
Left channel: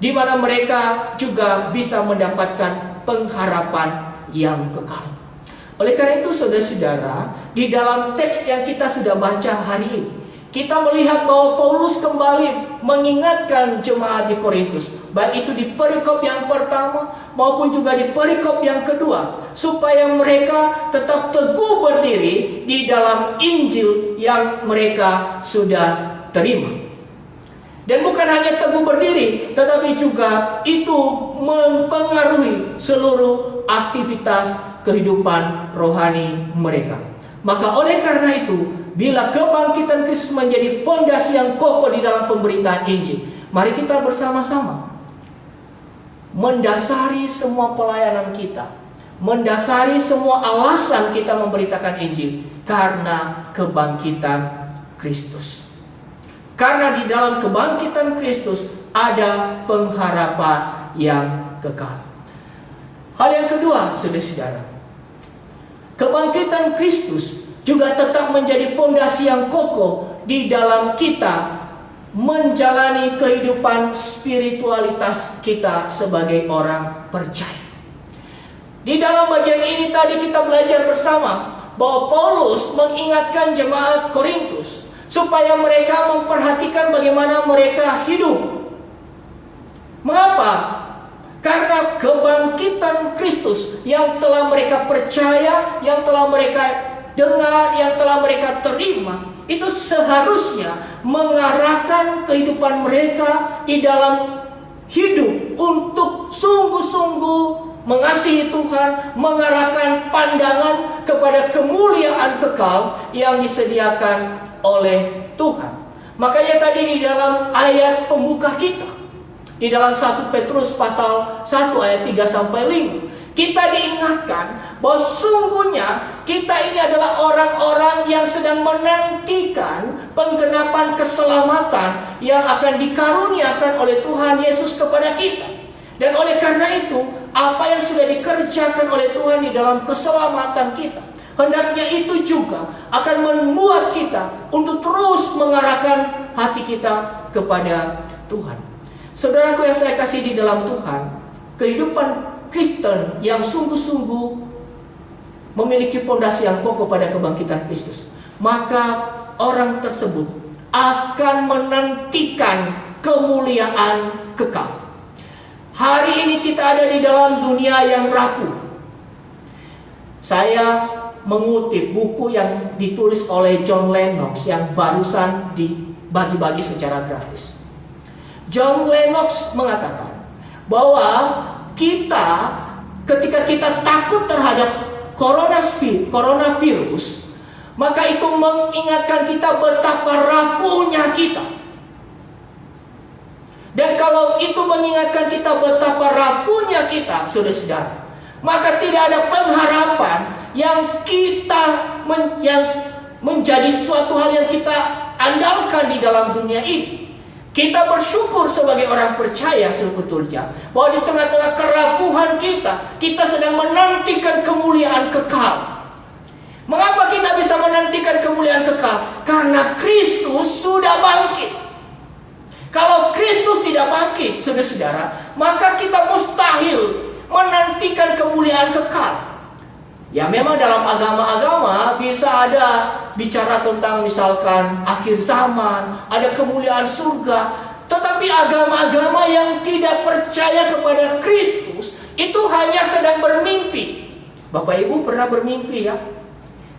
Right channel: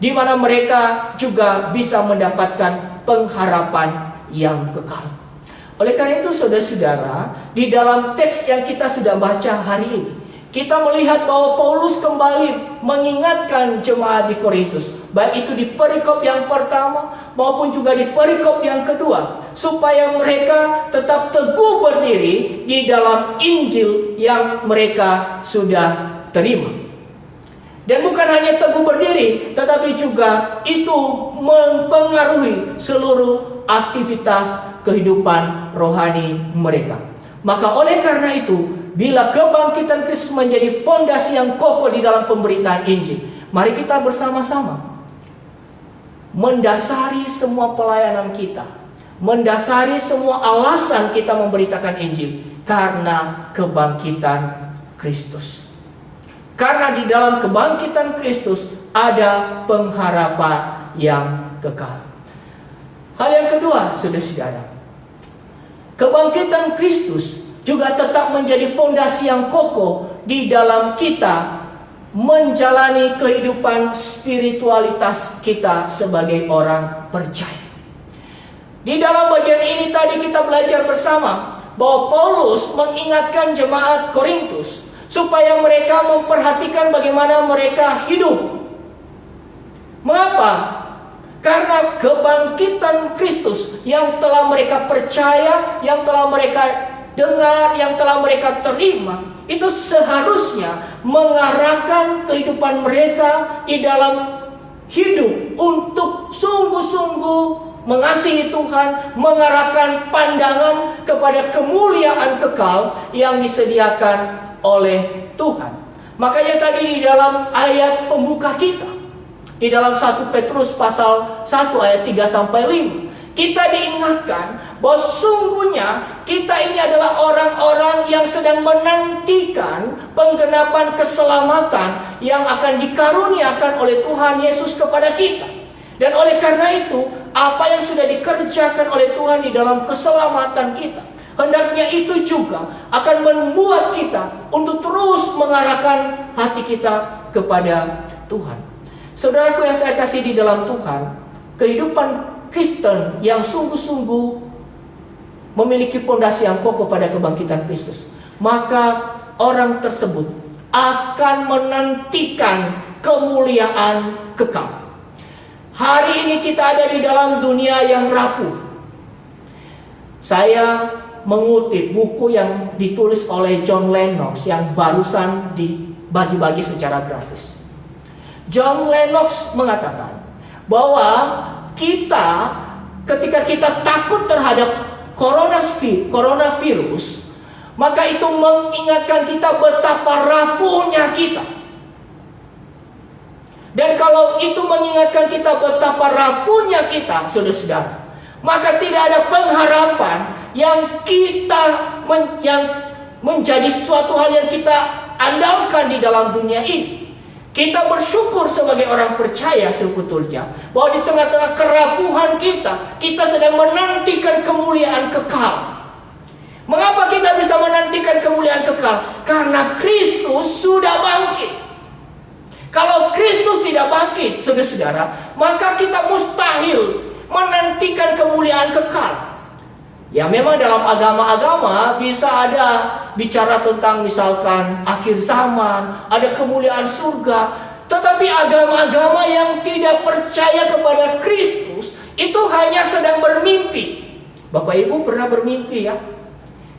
di mana mereka juga bisa mendapatkan pengharapan yang kekal. Oleh karena itu, saudara-saudara, di dalam teks yang kita sudah baca hari ini, kita melihat bahwa Paulus kembali mengingatkan jemaat di Korintus, baik itu di perikop yang pertama maupun juga di perikop yang kedua, supaya mereka tetap teguh berdiri di dalam Injil yang mereka sudah terima. Dan bukan hanya teguh berdiri, tetapi juga itu mempengaruhi seluruh aktivitas kehidupan rohani mereka. Maka oleh karena itu, bila kebangkitan Kristus menjadi fondasi yang kokoh di dalam pemberitaan Injil, mari kita bersama-sama mendasari semua pelayanan kita, mendasari semua alasan kita memberitakan Injil karena kebangkitan Kristus. Karena di dalam kebangkitan Kristus ada pengharapan yang kekal. Hal yang kedua, saudara-saudara, kebangkitan Kristus juga tetap menjadi fondasi yang kokoh di dalam kita menjalani kehidupan spiritualitas kita sebagai orang percaya. Di dalam bagian ini tadi kita belajar bersama bahwa Paulus mengingatkan jemaat Korintus supaya mereka memperhatikan bagaimana mereka hidup. Mengapa? Karena kebangkitan Kristus yang telah mereka percaya, yang telah mereka dengar, yang telah mereka terima, itu seharusnya mengarahkan kehidupan mereka di dalam hidup untuk sungguh-sungguh mengasihi Tuhan, mengarahkan pandangan kepada kemuliaan kekal yang disediakan oleh Tuhan. Makanya tadi di dalam ayat pembuka kita, di dalam 1 Petrus pasal 1 ayat 3 sampai 5, kita diingatkan bahwa sungguhnya kita ini adalah orang-orang yang sedang menantikan penggenapan keselamatan yang akan dikaruniakan oleh Tuhan Yesus kepada kita. Dan oleh karena itu, apa yang sudah dikerjakan oleh Tuhan di dalam keselamatan kita, hendaknya itu juga akan membuat kita untuk terus mengarahkan hati kita kepada Tuhan. Saudaraku yang saya kasih di dalam Tuhan, kehidupan Kristen yang sungguh-sungguh memiliki fondasi yang kokoh pada kebangkitan Kristus, maka orang tersebut akan menantikan kemuliaan kekal. Hari ini kita ada di dalam dunia yang rapuh. Saya mengutip buku yang ditulis oleh John Lennox yang barusan dibagi-bagi secara gratis. John Lennox mengatakan bahwa ketika kita takut terhadap coronavirus, maka itu mengingatkan kita betapa rapuhnya kita. Dan kalau itu mengingatkan kita betapa rapuhnya kita, saudara-saudara, maka tidak ada pengharapan yang menjadi suatu hal yang kita andalkan di dalam dunia ini. Kita bersyukur sebagai orang percaya sebetulnya bahwa di tengah-tengah kerapuhan kita sedang menantikan kemuliaan kekal. Mengapa kita bisa menantikan kemuliaan kekal? Karena Kristus sudah bangkit. Kalau Kristus tidak bangkit, saudara-saudara, maka kita mustahil menantikan kemuliaan kekal. Ya, memang dalam agama-agama bisa ada bicara tentang misalkan akhir zaman, ada kemuliaan surga. Tetapi agama-agama yang tidak percaya kepada Kristus itu hanya sedang bermimpi. Bapak Ibu pernah bermimpi ya?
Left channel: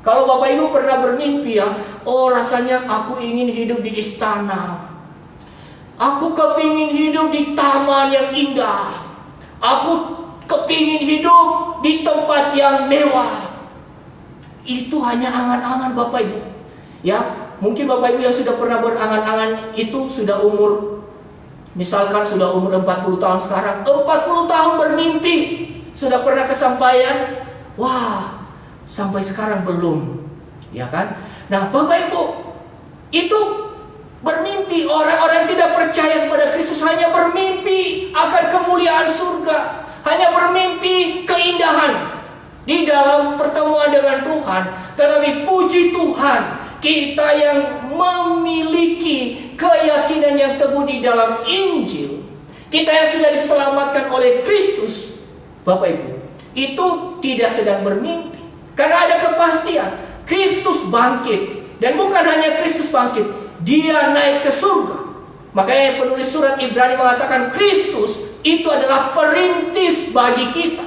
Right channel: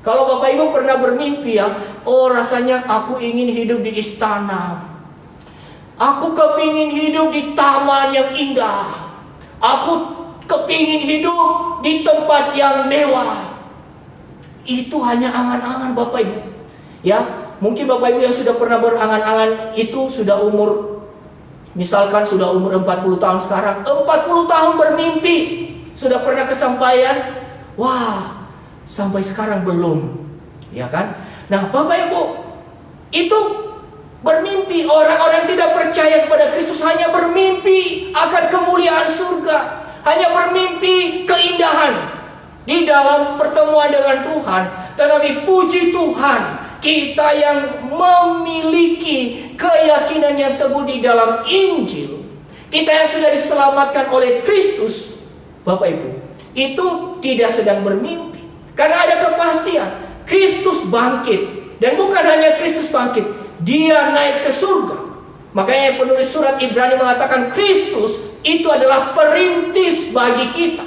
Kalau Bapak Ibu pernah bermimpi ya, oh rasanya aku ingin hidup di istana. Aku kepingin hidup di taman yang indah. Aku kepingin hidup di tempat yang mewah. Itu hanya angan-angan Bapak Ibu. Ya, mungkin Bapak Ibu yang sudah pernah berangan-angan itu sudah umur, misalkan sudah umur 40 tahun sekarang, 40 tahun bermimpi, sudah pernah kesampaian? Wah, sampai sekarang belum. Ya kan? Nah, Bapak Ibu, itu bermimpi. Orang-orang tidak percaya kepada Kristus hanya bermimpi akan kemuliaan surga, hanya bermimpi keindahan di dalam pertemuan dengan Tuhan. Tetapi puji Tuhan, kita yang memiliki keyakinan yang teguh di dalam Injil, kita yang sudah diselamatkan oleh Kristus, Bapak Ibu, itu tidak sedang bermimpi. Karena ada kepastian, Kristus bangkit. Dan bukan hanya Kristus bangkit, Dia naik ke surga. Makanya penulis surat Ibrani mengatakan Kristus itu adalah perintis bagi kita.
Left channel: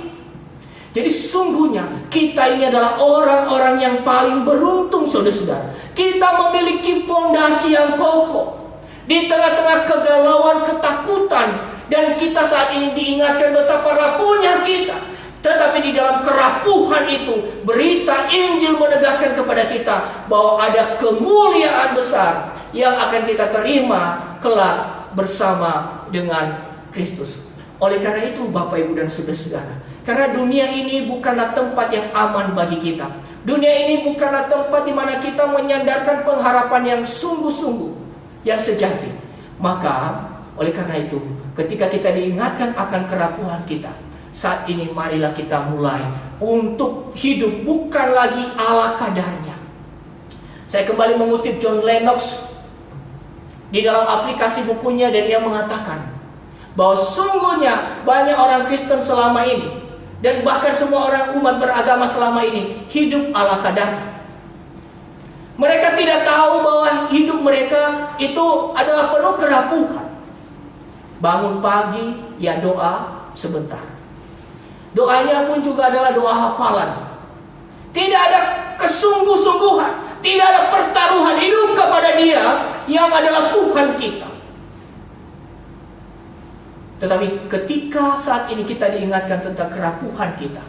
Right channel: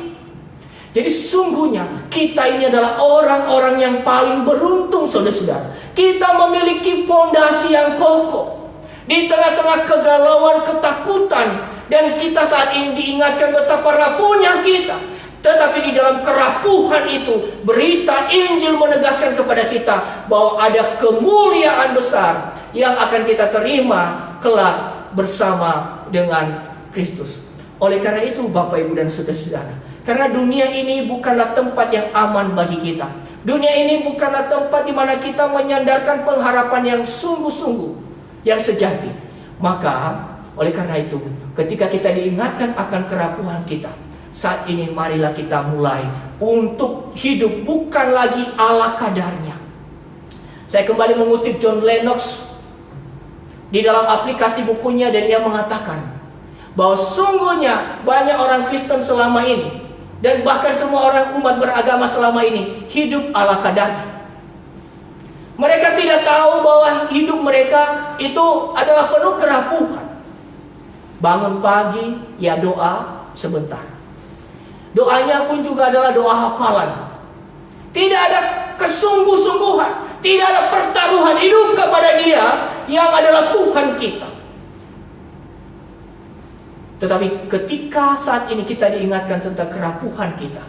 Jadi sungguhnya kita ini adalah orang-orang yang paling beruntung, saudara-saudara. Kita memiliki fondasi yang kokoh di tengah-tengah kegalauan, ketakutan, dan kita saat ini diingatkan betapa rapuhnya kita. Tetapi di dalam kerapuhan itu, berita Injil menegaskan kepada kita bahwa ada kemuliaan besar yang akan kita terima kelak bersama dengan Kristus. Oleh karena itu Bapak Ibu dan saudara-saudara, karena dunia ini bukanlah tempat yang aman bagi kita. Dunia ini bukanlah tempat di mana kita menyandarkan pengharapan yang sungguh-sungguh, yang sejati. Maka oleh karena itu, ketika kita diingatkan akan kerapuhan kita, saat ini marilah kita mulai untuk hidup bukan lagi ala kadarnya. Saya kembali mengutip John Lennox di dalam aplikasi bukunya, dan ia mengatakan bahwa sungguhnya banyak orang Kristen selama ini, dan bahkan semua orang umat beragama selama ini, hidup ala kadarnya. Mereka tidak tahu bahwa hidup mereka itu adalah penuh kerapuhan. Bangun pagi, ya doa sebentar. Doanya pun juga adalah doa hafalan. Tidak ada kesungguh-sungguhan, tidak ada pertaruhan hidup kepada Dia yang adalah Tuhan kita. Tetapi ketika saat ini kita diingatkan tentang kerapuhan kita,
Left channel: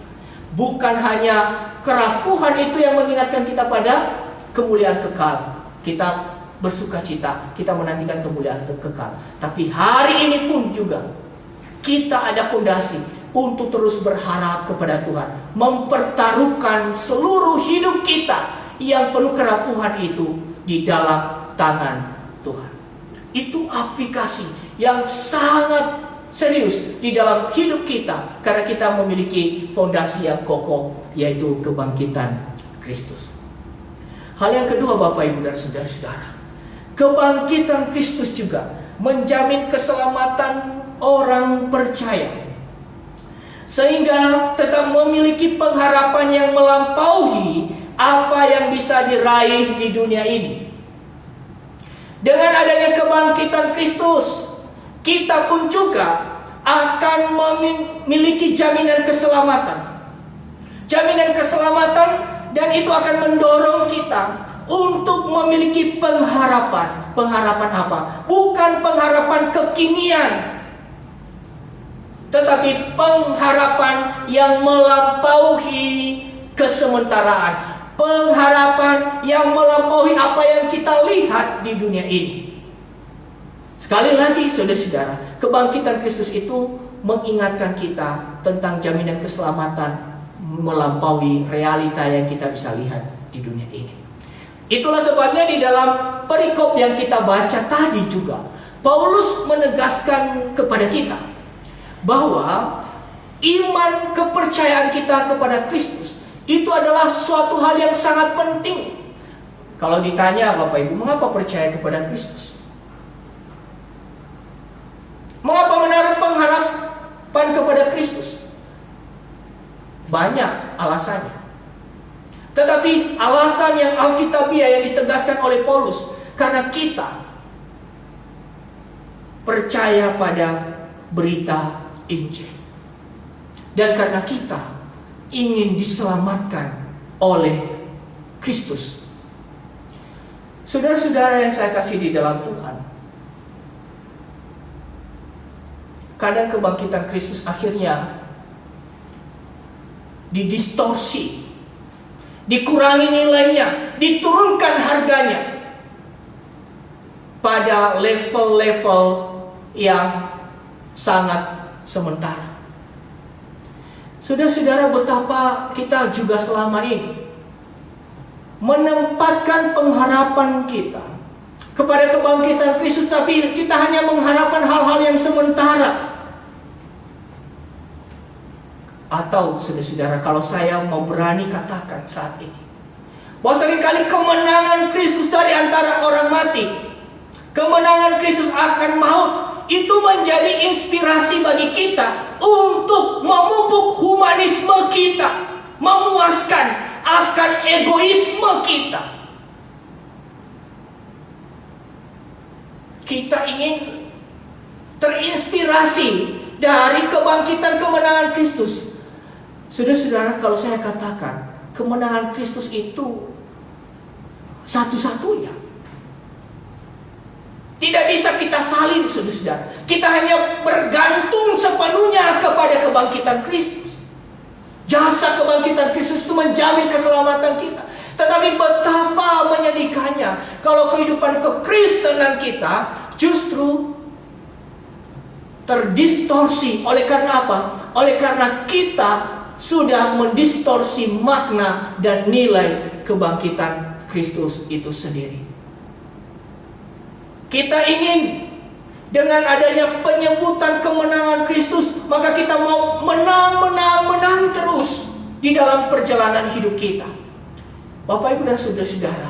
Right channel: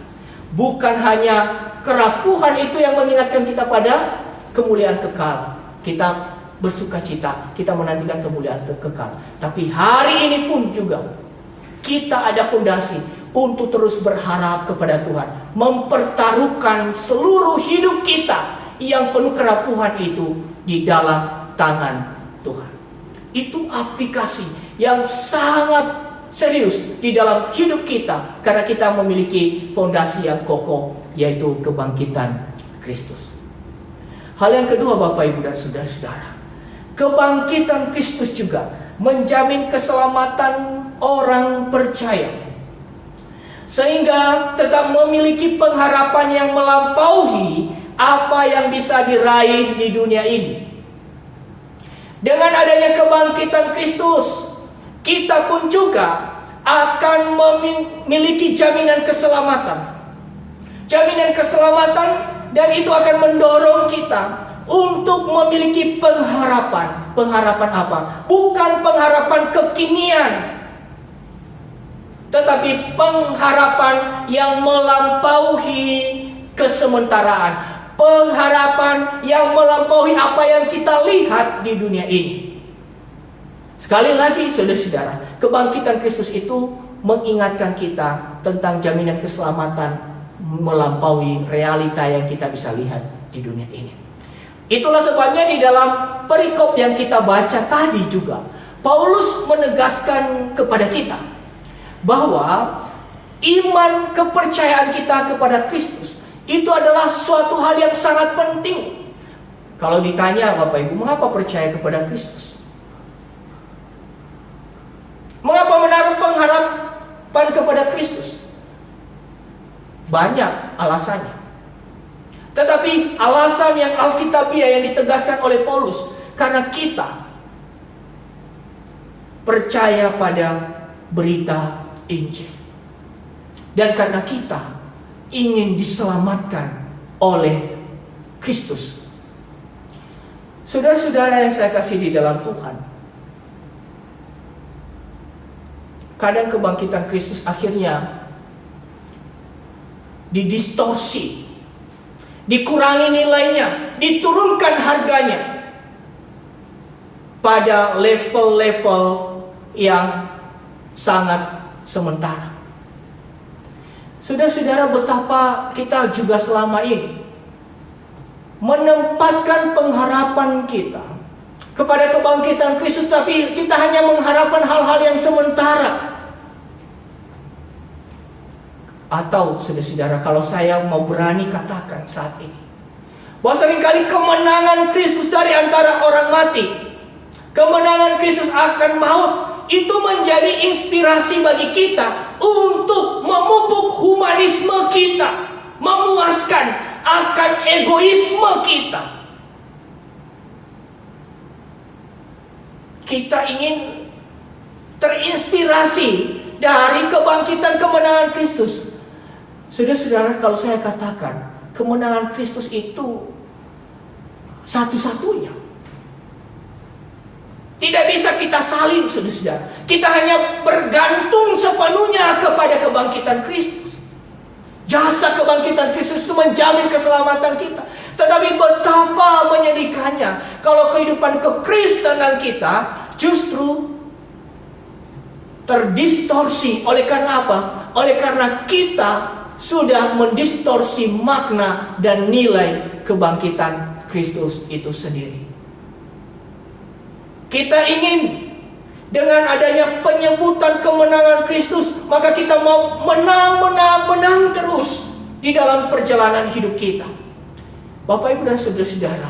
bukan hanya kerapuhan itu yang mengingatkan kita pada kemuliaan kekal. Kita bersuka cita, kita menantikan kemuliaan kekal. Tapi hari ini pun juga kita ada fondasi untuk terus berharap kepada Tuhan, mempertaruhkan seluruh hidup kita yang penuh kerapuhan itu di dalam tangan Tuhan. Itu aplikasi yang sangat serius di dalam hidup kita, karena kita memiliki fondasi yang kokoh, yaitu kebangkitan Kristus. Hal yang kedua, Bapak, Ibu, dan saudara-saudara, kebangkitan Kristus juga menjamin keselamatan orang percaya, sehingga tetap memiliki pengharapan yang melampaui apa yang bisa diraih di dunia ini. Dengan adanya kebangkitan Kristus, kita pun juga akan memiliki jaminan keselamatan. Jaminan keselamatan, dan itu akan mendorong kita untuk memiliki pengharapan. Pengharapan apa? Bukan pengharapan kekinian, tetapi pengharapan yang melampaui kesementaraan. Pengharapan yang melampaui apa yang kita lihat di dunia ini. Sekali lagi, saudara-saudara, kebangkitan Kristus itu mengingatkan kita tentang jaminan keselamatan melampaui realita yang kita bisa lihat di dunia ini. Itulah sebabnya di dalam perikop yang kita baca tadi juga, Paulus menegaskan kepada kita bahwa iman kepercayaan kita kepada Kristus itu adalah suatu hal yang sangat penting. Kalau ditanya, Bapak Ibu, mengapa percaya kepada Kristus? Mengapa menaruh pengharapan kepada Kristus? Banyak alasannya. Tetapi alasan yang alkitabiah yang ditegaskan oleh Paulus, karena kita percaya pada berita Injil. Dan karena kita ingin diselamatkan oleh Kristus. Saudara-saudara yang saya kasih di dalam Tuhan, kadang kebangkitan Kristus akhirnya didistorsi, dikurangi nilainya, diturunkan harganya pada level-level yang sangat sementara. Saudara-saudara, betapa kita juga selama ini menempatkan pengharapan kita kepada kebangkitan Kristus, tapi kita hanya mengharapkan hal-hal yang sementara. Atau saudara-saudara, kalau saya mau berani katakan saat ini, bahwa seringkali kemenangan Kristus dari antara orang mati, kemenangan Kristus akan maut, itu menjadi inspirasi bagi kita untuk memupuk humanisme kita, memuaskan akan egoisme kita. Kita ingin terinspirasi dari kebangkitan kemenangan Kristus. Saudara-saudara, kalau saya katakan kemenangan Kristus itu satu-satunya, tidak bisa kita salin, saudara-saudara. Kita hanya bergantung sepenuhnya kepada kebangkitan Kristus. Jasa kebangkitan Kristus itu menjamin keselamatan kita. Tetapi betapa menyedihkannya kalau kehidupan kekristenan kita justru terdistorsi. Oleh karena apa? Oleh karena kita sudah mendistorsi makna dan nilai kebangkitan Kristus itu sendiri. Kita ingin dengan adanya penyebutan kemenangan Kristus, maka kita mau menang terus di dalam perjalanan hidup kita. Bapak, Ibu, dan saudara-saudara,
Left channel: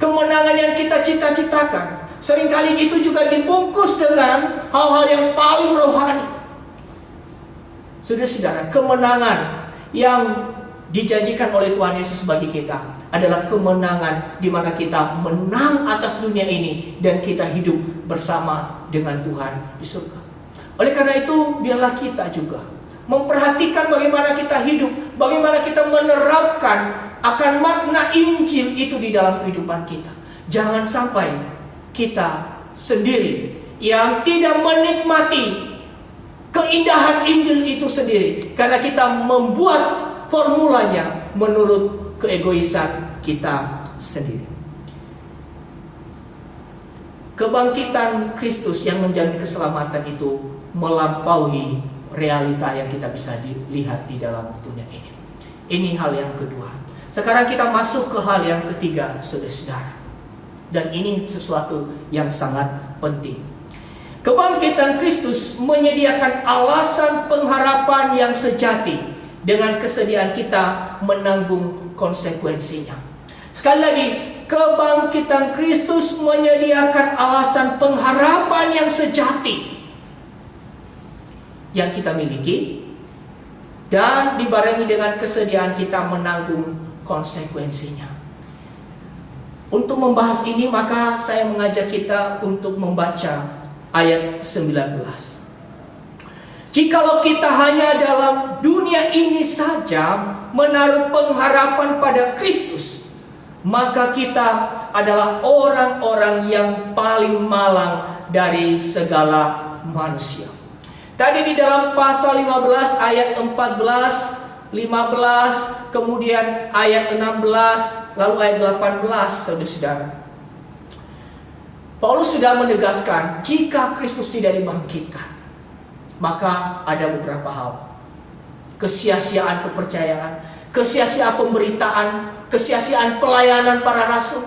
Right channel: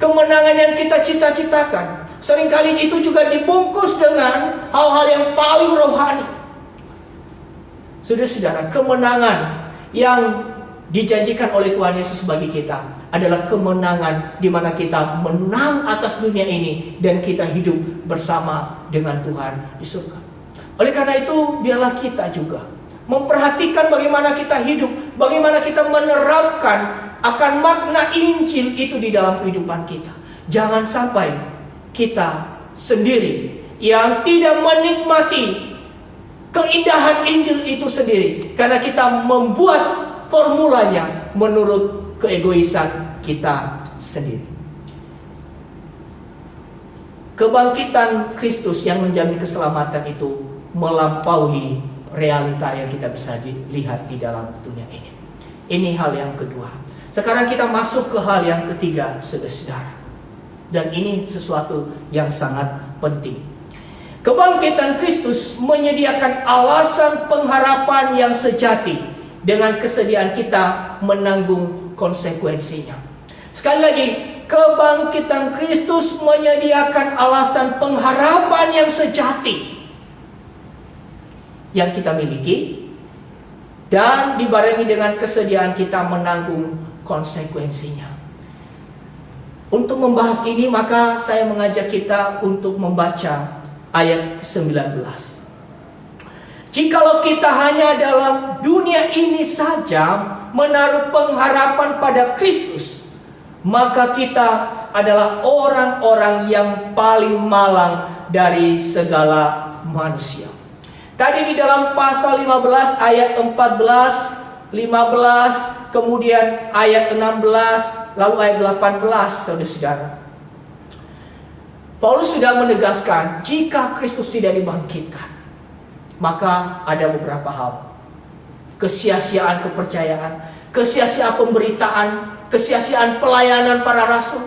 kemenangan yang kita cita-citakan seringkali itu juga dibungkus dengan hal-hal yang paling rohani. Saudara-saudara, kemenangan yang dijanjikan oleh Tuhan Yesus bagi kita adalah kemenangan di mana kita menang atas dunia ini dan kita hidup bersama dengan Tuhan di surga. Oleh karena itu, biarlah kita juga memperhatikan bagaimana kita hidup, bagaimana kita menerapkan akan makna Injil itu di dalam kehidupan kita. Jangan sampai kita sendiri yang tidak menikmati keindahan Injil itu sendiri, karena kita membuat formulanya menurut keegoisan kita sendiri. Kebangkitan Kristus yang menjamin keselamatan itu melampaui realita yang kita bisa dilihat di dalam dunia ini. Ini hal yang kedua. Sekarang kita masuk ke hal yang ketiga, saudara-saudara. Dan ini sesuatu yang sangat penting. Kebangkitan Kristus menyediakan alasan pengharapan yang sejati dengan kesediaan kita menanggung konsekuensinya. Sekali lagi, kebangkitan Kristus menyediakan alasan pengharapan yang sejati yang kita miliki, dan dibarengi dengan kesediaan kita menanggung konsekuensinya. Untuk membahas ini, maka saya mengajak kita untuk membaca ayat 19. Jikalau kita hanya dalam dunia ini saja menaruh pengharapan pada Kristus, maka kita adalah orang-orang yang paling malang dari segala manusia. Tadi di dalam pasal 15 ayat 14, 15, kemudian ayat 16, lalu ayat 18, saudara-saudara. Paulus sudah menegaskan, jika Kristus tidak dibangkitkan, maka ada beberapa hal. Kesia-siaan kepercayaan, kesia-siaan pemberitaan, kesia-siaan pelayanan para rasul.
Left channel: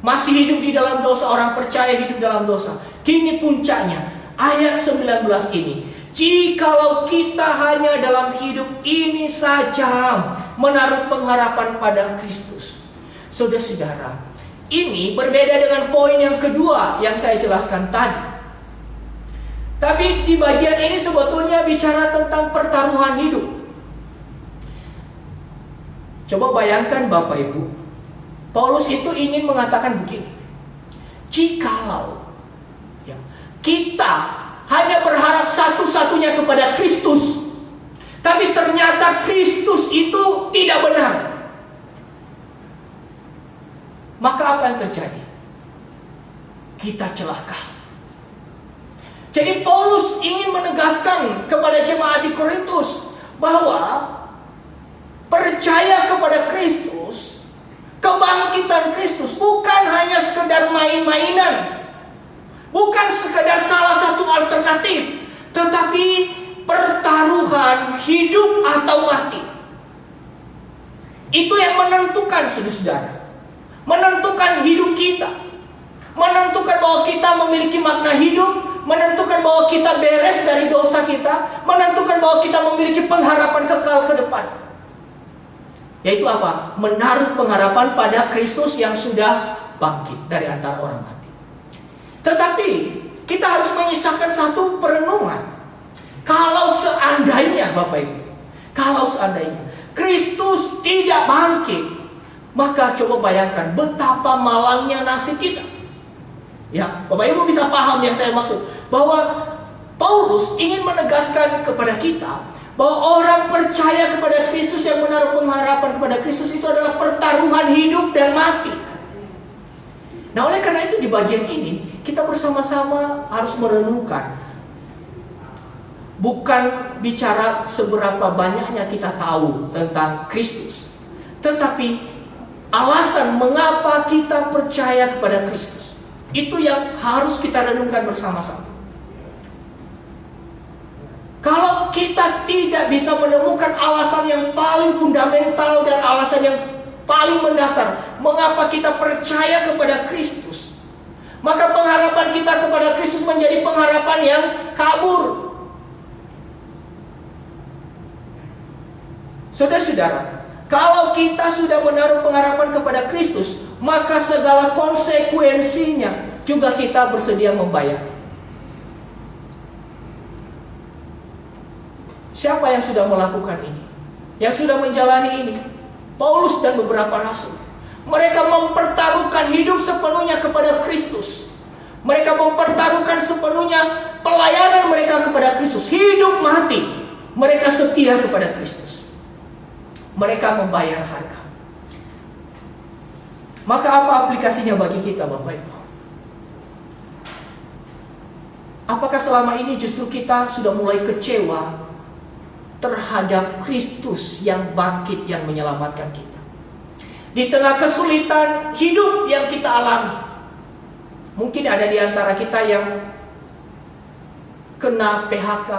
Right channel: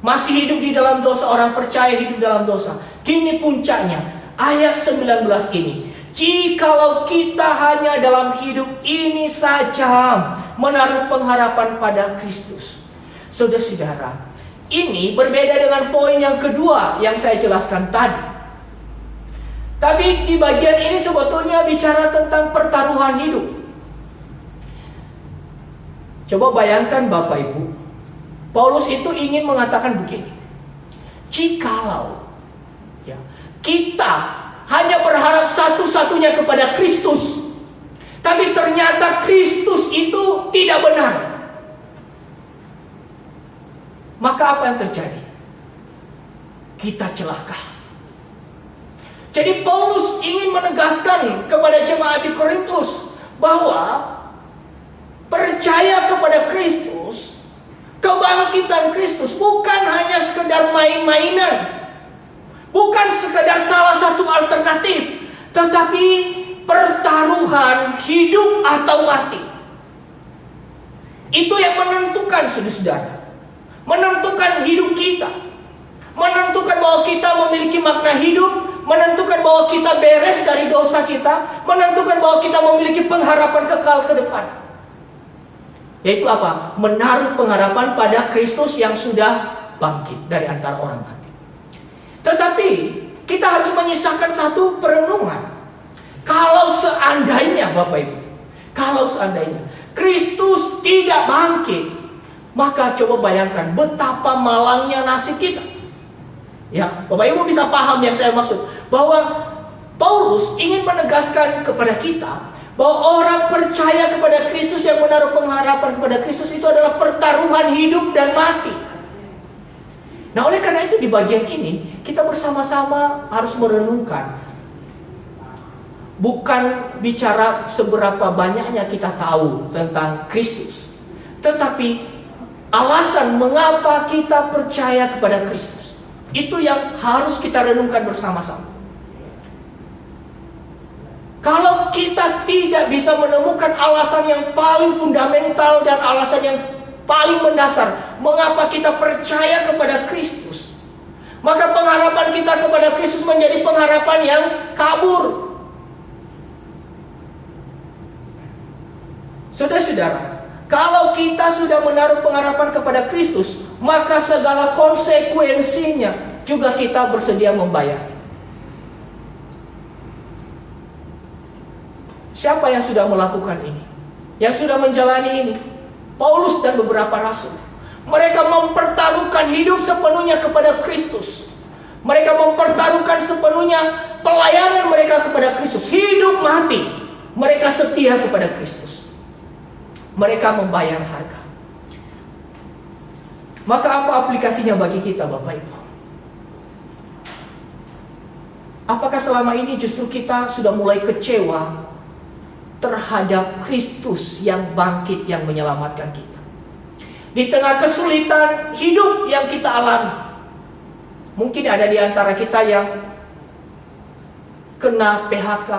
Masih hidup di dalam dosa, orang percaya hidup dalam dosa. Kini puncaknya, ayat 19 ini. Jikalau kita hanya dalam hidup ini saja menaruh pengharapan pada Kristus. Saudara-saudara, ini berbeda dengan poin yang kedua yang saya jelaskan tadi. Tapi di bagian ini sebetulnya bicara tentang pertaruhan hidup. Coba bayangkan Bapak Ibu, Paulus itu ingin mengatakan begini. Jikalau kita hanya berharap satu-satunya kepada Kristus, tapi ternyata Kristus itu tidak benar, maka apa yang terjadi? Kita celaka. Jadi Paulus ingin menegaskan kepada jemaat di Korintus bahwa percaya kepada Kristus, kebangkitan Kristus bukan hanya sekedar main-mainan, bukan sekedar salah satu alternatif, tetapi pertaruhan hidup atau mati. Itu yang menentukan, saudara-saudara, menentukan hidup kita, menentukan bahwa kita memiliki makna hidup, menentukan bahwa kita beres dari dosa kita, menentukan bahwa kita memiliki pengharapan kekal ke depan. Yaitu apa? Menaruh pengharapan pada Kristus yang sudah bangkit dari antara orang mati. Tetapi kita harus menyisakan satu perenungan. Kalau seandainya Bapak Ibu, kalau seandainya Kristus tidak bangkit, maka coba bayangkan betapa malangnya nasib kita. Ya, Bapak Ibu bisa paham yang saya maksud, bahwa Paulus ingin menegaskan kepada kita bahwa orang percaya kepada Kristus, yang menaruh pengharapan kepada Kristus, itu adalah pertaruhan hidup dan mati. Nah, oleh karena itu di bagian ini kita bersama-sama harus merenungkan. Bukan bicara seberapa banyaknya kita tahu tentang Kristus, tetapi alasan mengapa kita percaya kepada Kristus. Itu yang harus kita renungkan bersama-sama. Kalau kita tidak bisa menemukan alasan yang paling fundamental dan alasan yang paling mendasar mengapa kita percaya kepada Kristus, maka pengharapan kita kepada Kristus menjadi pengharapan yang kabur. Saudara-saudara, kalau kita sudah menaruh pengharapan kepada Kristus, maka segala konsekuensinya juga kita bersedia membayar. Siapa yang sudah melakukan ini? Yang sudah menjalani ini? Paulus dan beberapa rasul. Mereka mempertaruhkan hidup sepenuhnya kepada Kristus. Mereka mempertaruhkan sepenuhnya pelayanan mereka kepada Kristus. Hidup mati, mereka setia kepada Kristus. Mereka membayar harga. Maka apa aplikasinya bagi kita, Bapak Ibu? Apakah selama ini justru kita sudah mulai kecewa terhadap Kristus yang bangkit, yang menyelamatkan kita? Di tengah kesulitan hidup yang kita alami, mungkin ada di antara kita yang kena PHK.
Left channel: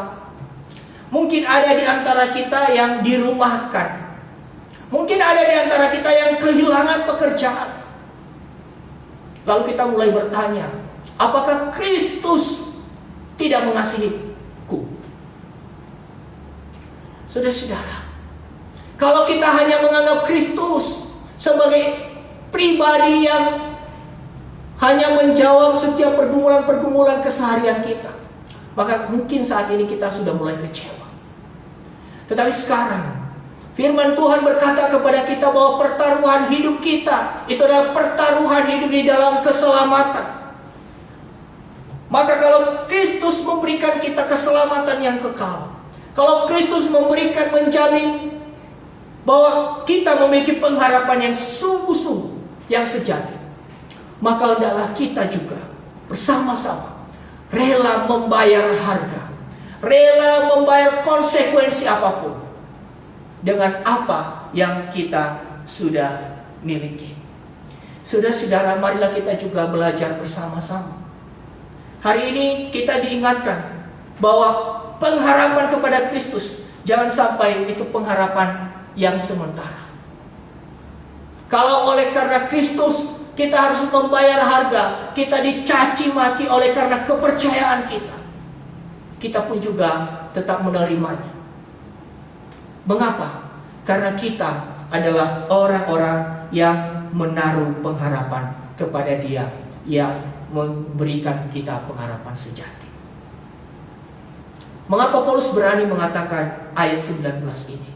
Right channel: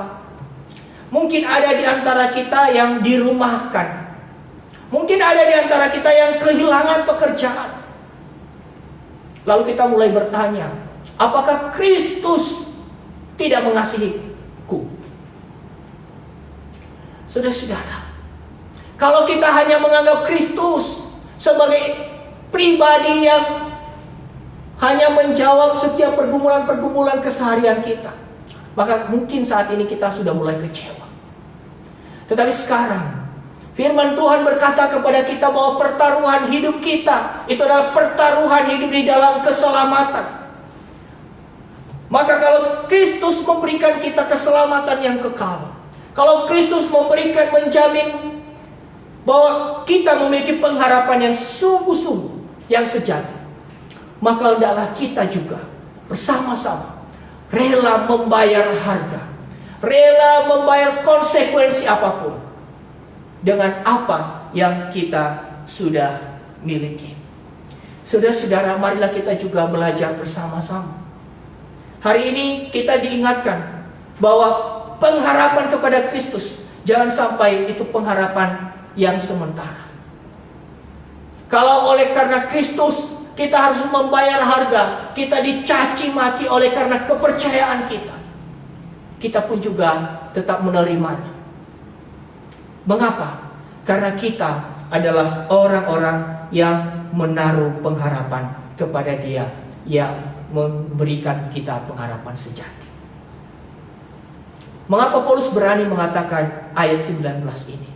Mungkin ada di antara kita yang dirumahkan. Mungkin ada di antara kita yang kehilangan pekerjaan. Lalu kita mulai bertanya, apakah Kristus tidak mengasihiku? Saudara-saudara, kalau kita hanya menganggap Kristus sebagai pribadi yang hanya menjawab setiap pergumulan-pergumulan keseharian kita, maka mungkin saat ini kita sudah mulai kecewa. Tetapi sekarang firman Tuhan berkata kepada kita bahwa pertaruhan hidup kita itu adalah pertaruhan hidup di dalam keselamatan. Maka kalau Kristus memberikan kita keselamatan yang kekal, kalau Kristus menjamin bahwa kita memiliki pengharapan yang sungguh-sungguh, yang sejati, maka hendaklah kita juga bersama-sama rela membayar harga, rela membayar konsekuensi apapun dengan apa yang kita sudah miliki. Saudara-saudara, marilah kita juga belajar bersama-sama. Hari ini kita diingatkan bahwa pengharapan kepada Kristus jangan sampai itu pengharapan yang sementara. Kalau oleh karena Kristus kita harus membayar harga, kita dicaci maki oleh karena kepercayaan kita, kita pun juga tetap menerimanya. Mengapa? Karena kita adalah orang-orang yang menaruh pengharapan kepada Dia yang memberikan kita pengharapan sejati. Mengapa Paulus berani mengatakan ayat 19 ini?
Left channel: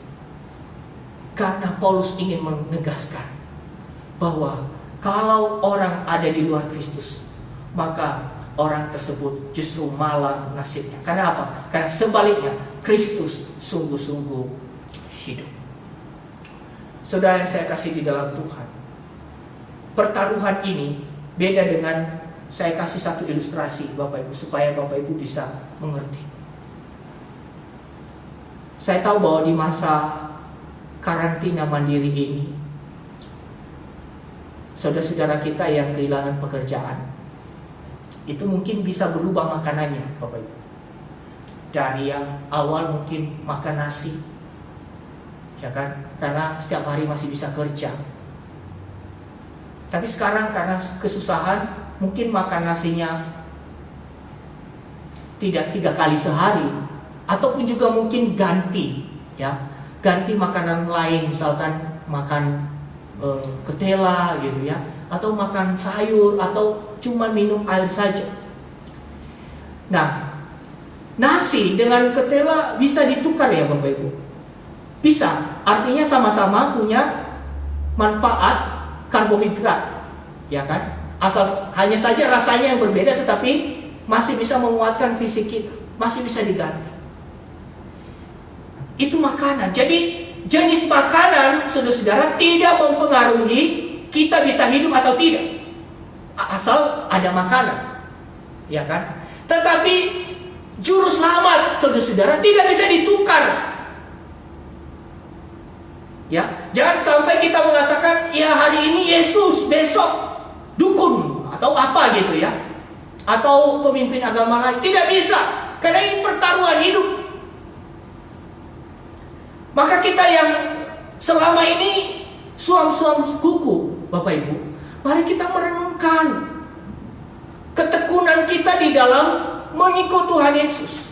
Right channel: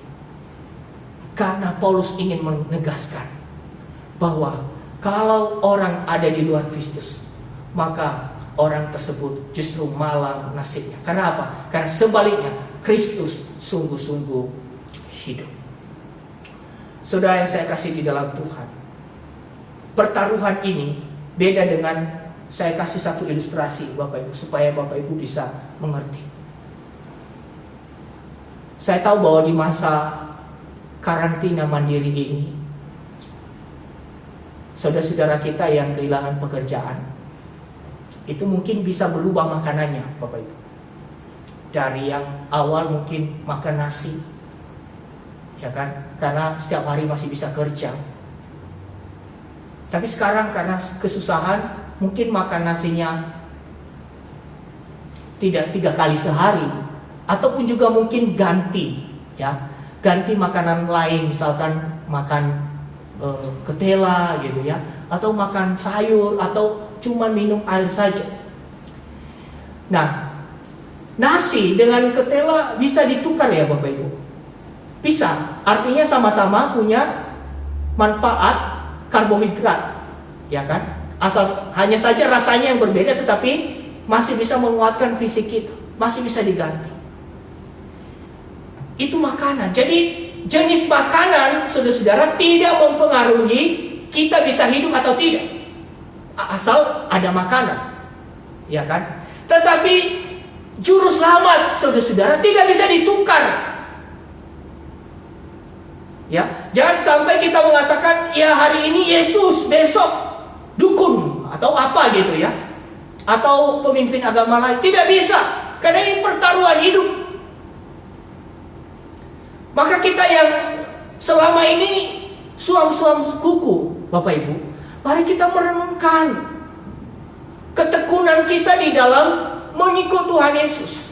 Karena Paulus ingin menegaskan bahwa kalau orang ada di luar Kristus, maka orang tersebut justru malang nasibnya. Karena apa? Karena sebaliknya Kristus sungguh-sungguh hidup. Saudara yang saya kasih di dalam Tuhan, pertaruhan ini beda dengan, saya kasih satu ilustrasi Bapak Ibu supaya Bapak Ibu bisa mengerti. Saya tahu bahwa di masa karantina mandiri ini, saudara-saudara kita yang kehilangan pekerjaan, itu mungkin bisa berubah makanannya Bapak Ibu. Dari yang awal mungkin makan nasi, ya kan, karena setiap hari masih bisa kerja. Tapi sekarang karena kesusahan, mungkin makan nasinya tidak 3 kali sehari, ataupun juga mungkin ganti, ya, ganti makanan lain, misalkan makan ketela gitu ya, atau makan sayur, atau cuma minum air saja. Nah, nasi dengan ketela bisa ditukar ya Bapak Ibu? Bisa, artinya sama-sama punya manfaat karbohidrat, ya kan? Asal hanya saja rasanya yang berbeda, tetapi masih bisa menguatkan fisik kita, masih bisa diganti. Itu makanan. Jadi jenis makanan, saudara-saudara, tidak mempengaruhi kita bisa hidup atau tidak, asal ada makanan, ya kan? Tetapi juru selamat, saudara-saudara, tidak bisa ditukar. Ya, jangan sampai kita mengatakan, ya hari ini Yesus, besok dukun atau apa gitu ya, atau pemimpin agama lain. Tidak bisa, karena ini pertaruhan hidup. Maka kita yang selama ini suam-suam kuku, Bapak Ibu, mari kita merenungkan ketekunan kita di dalam mengikut Tuhan Yesus.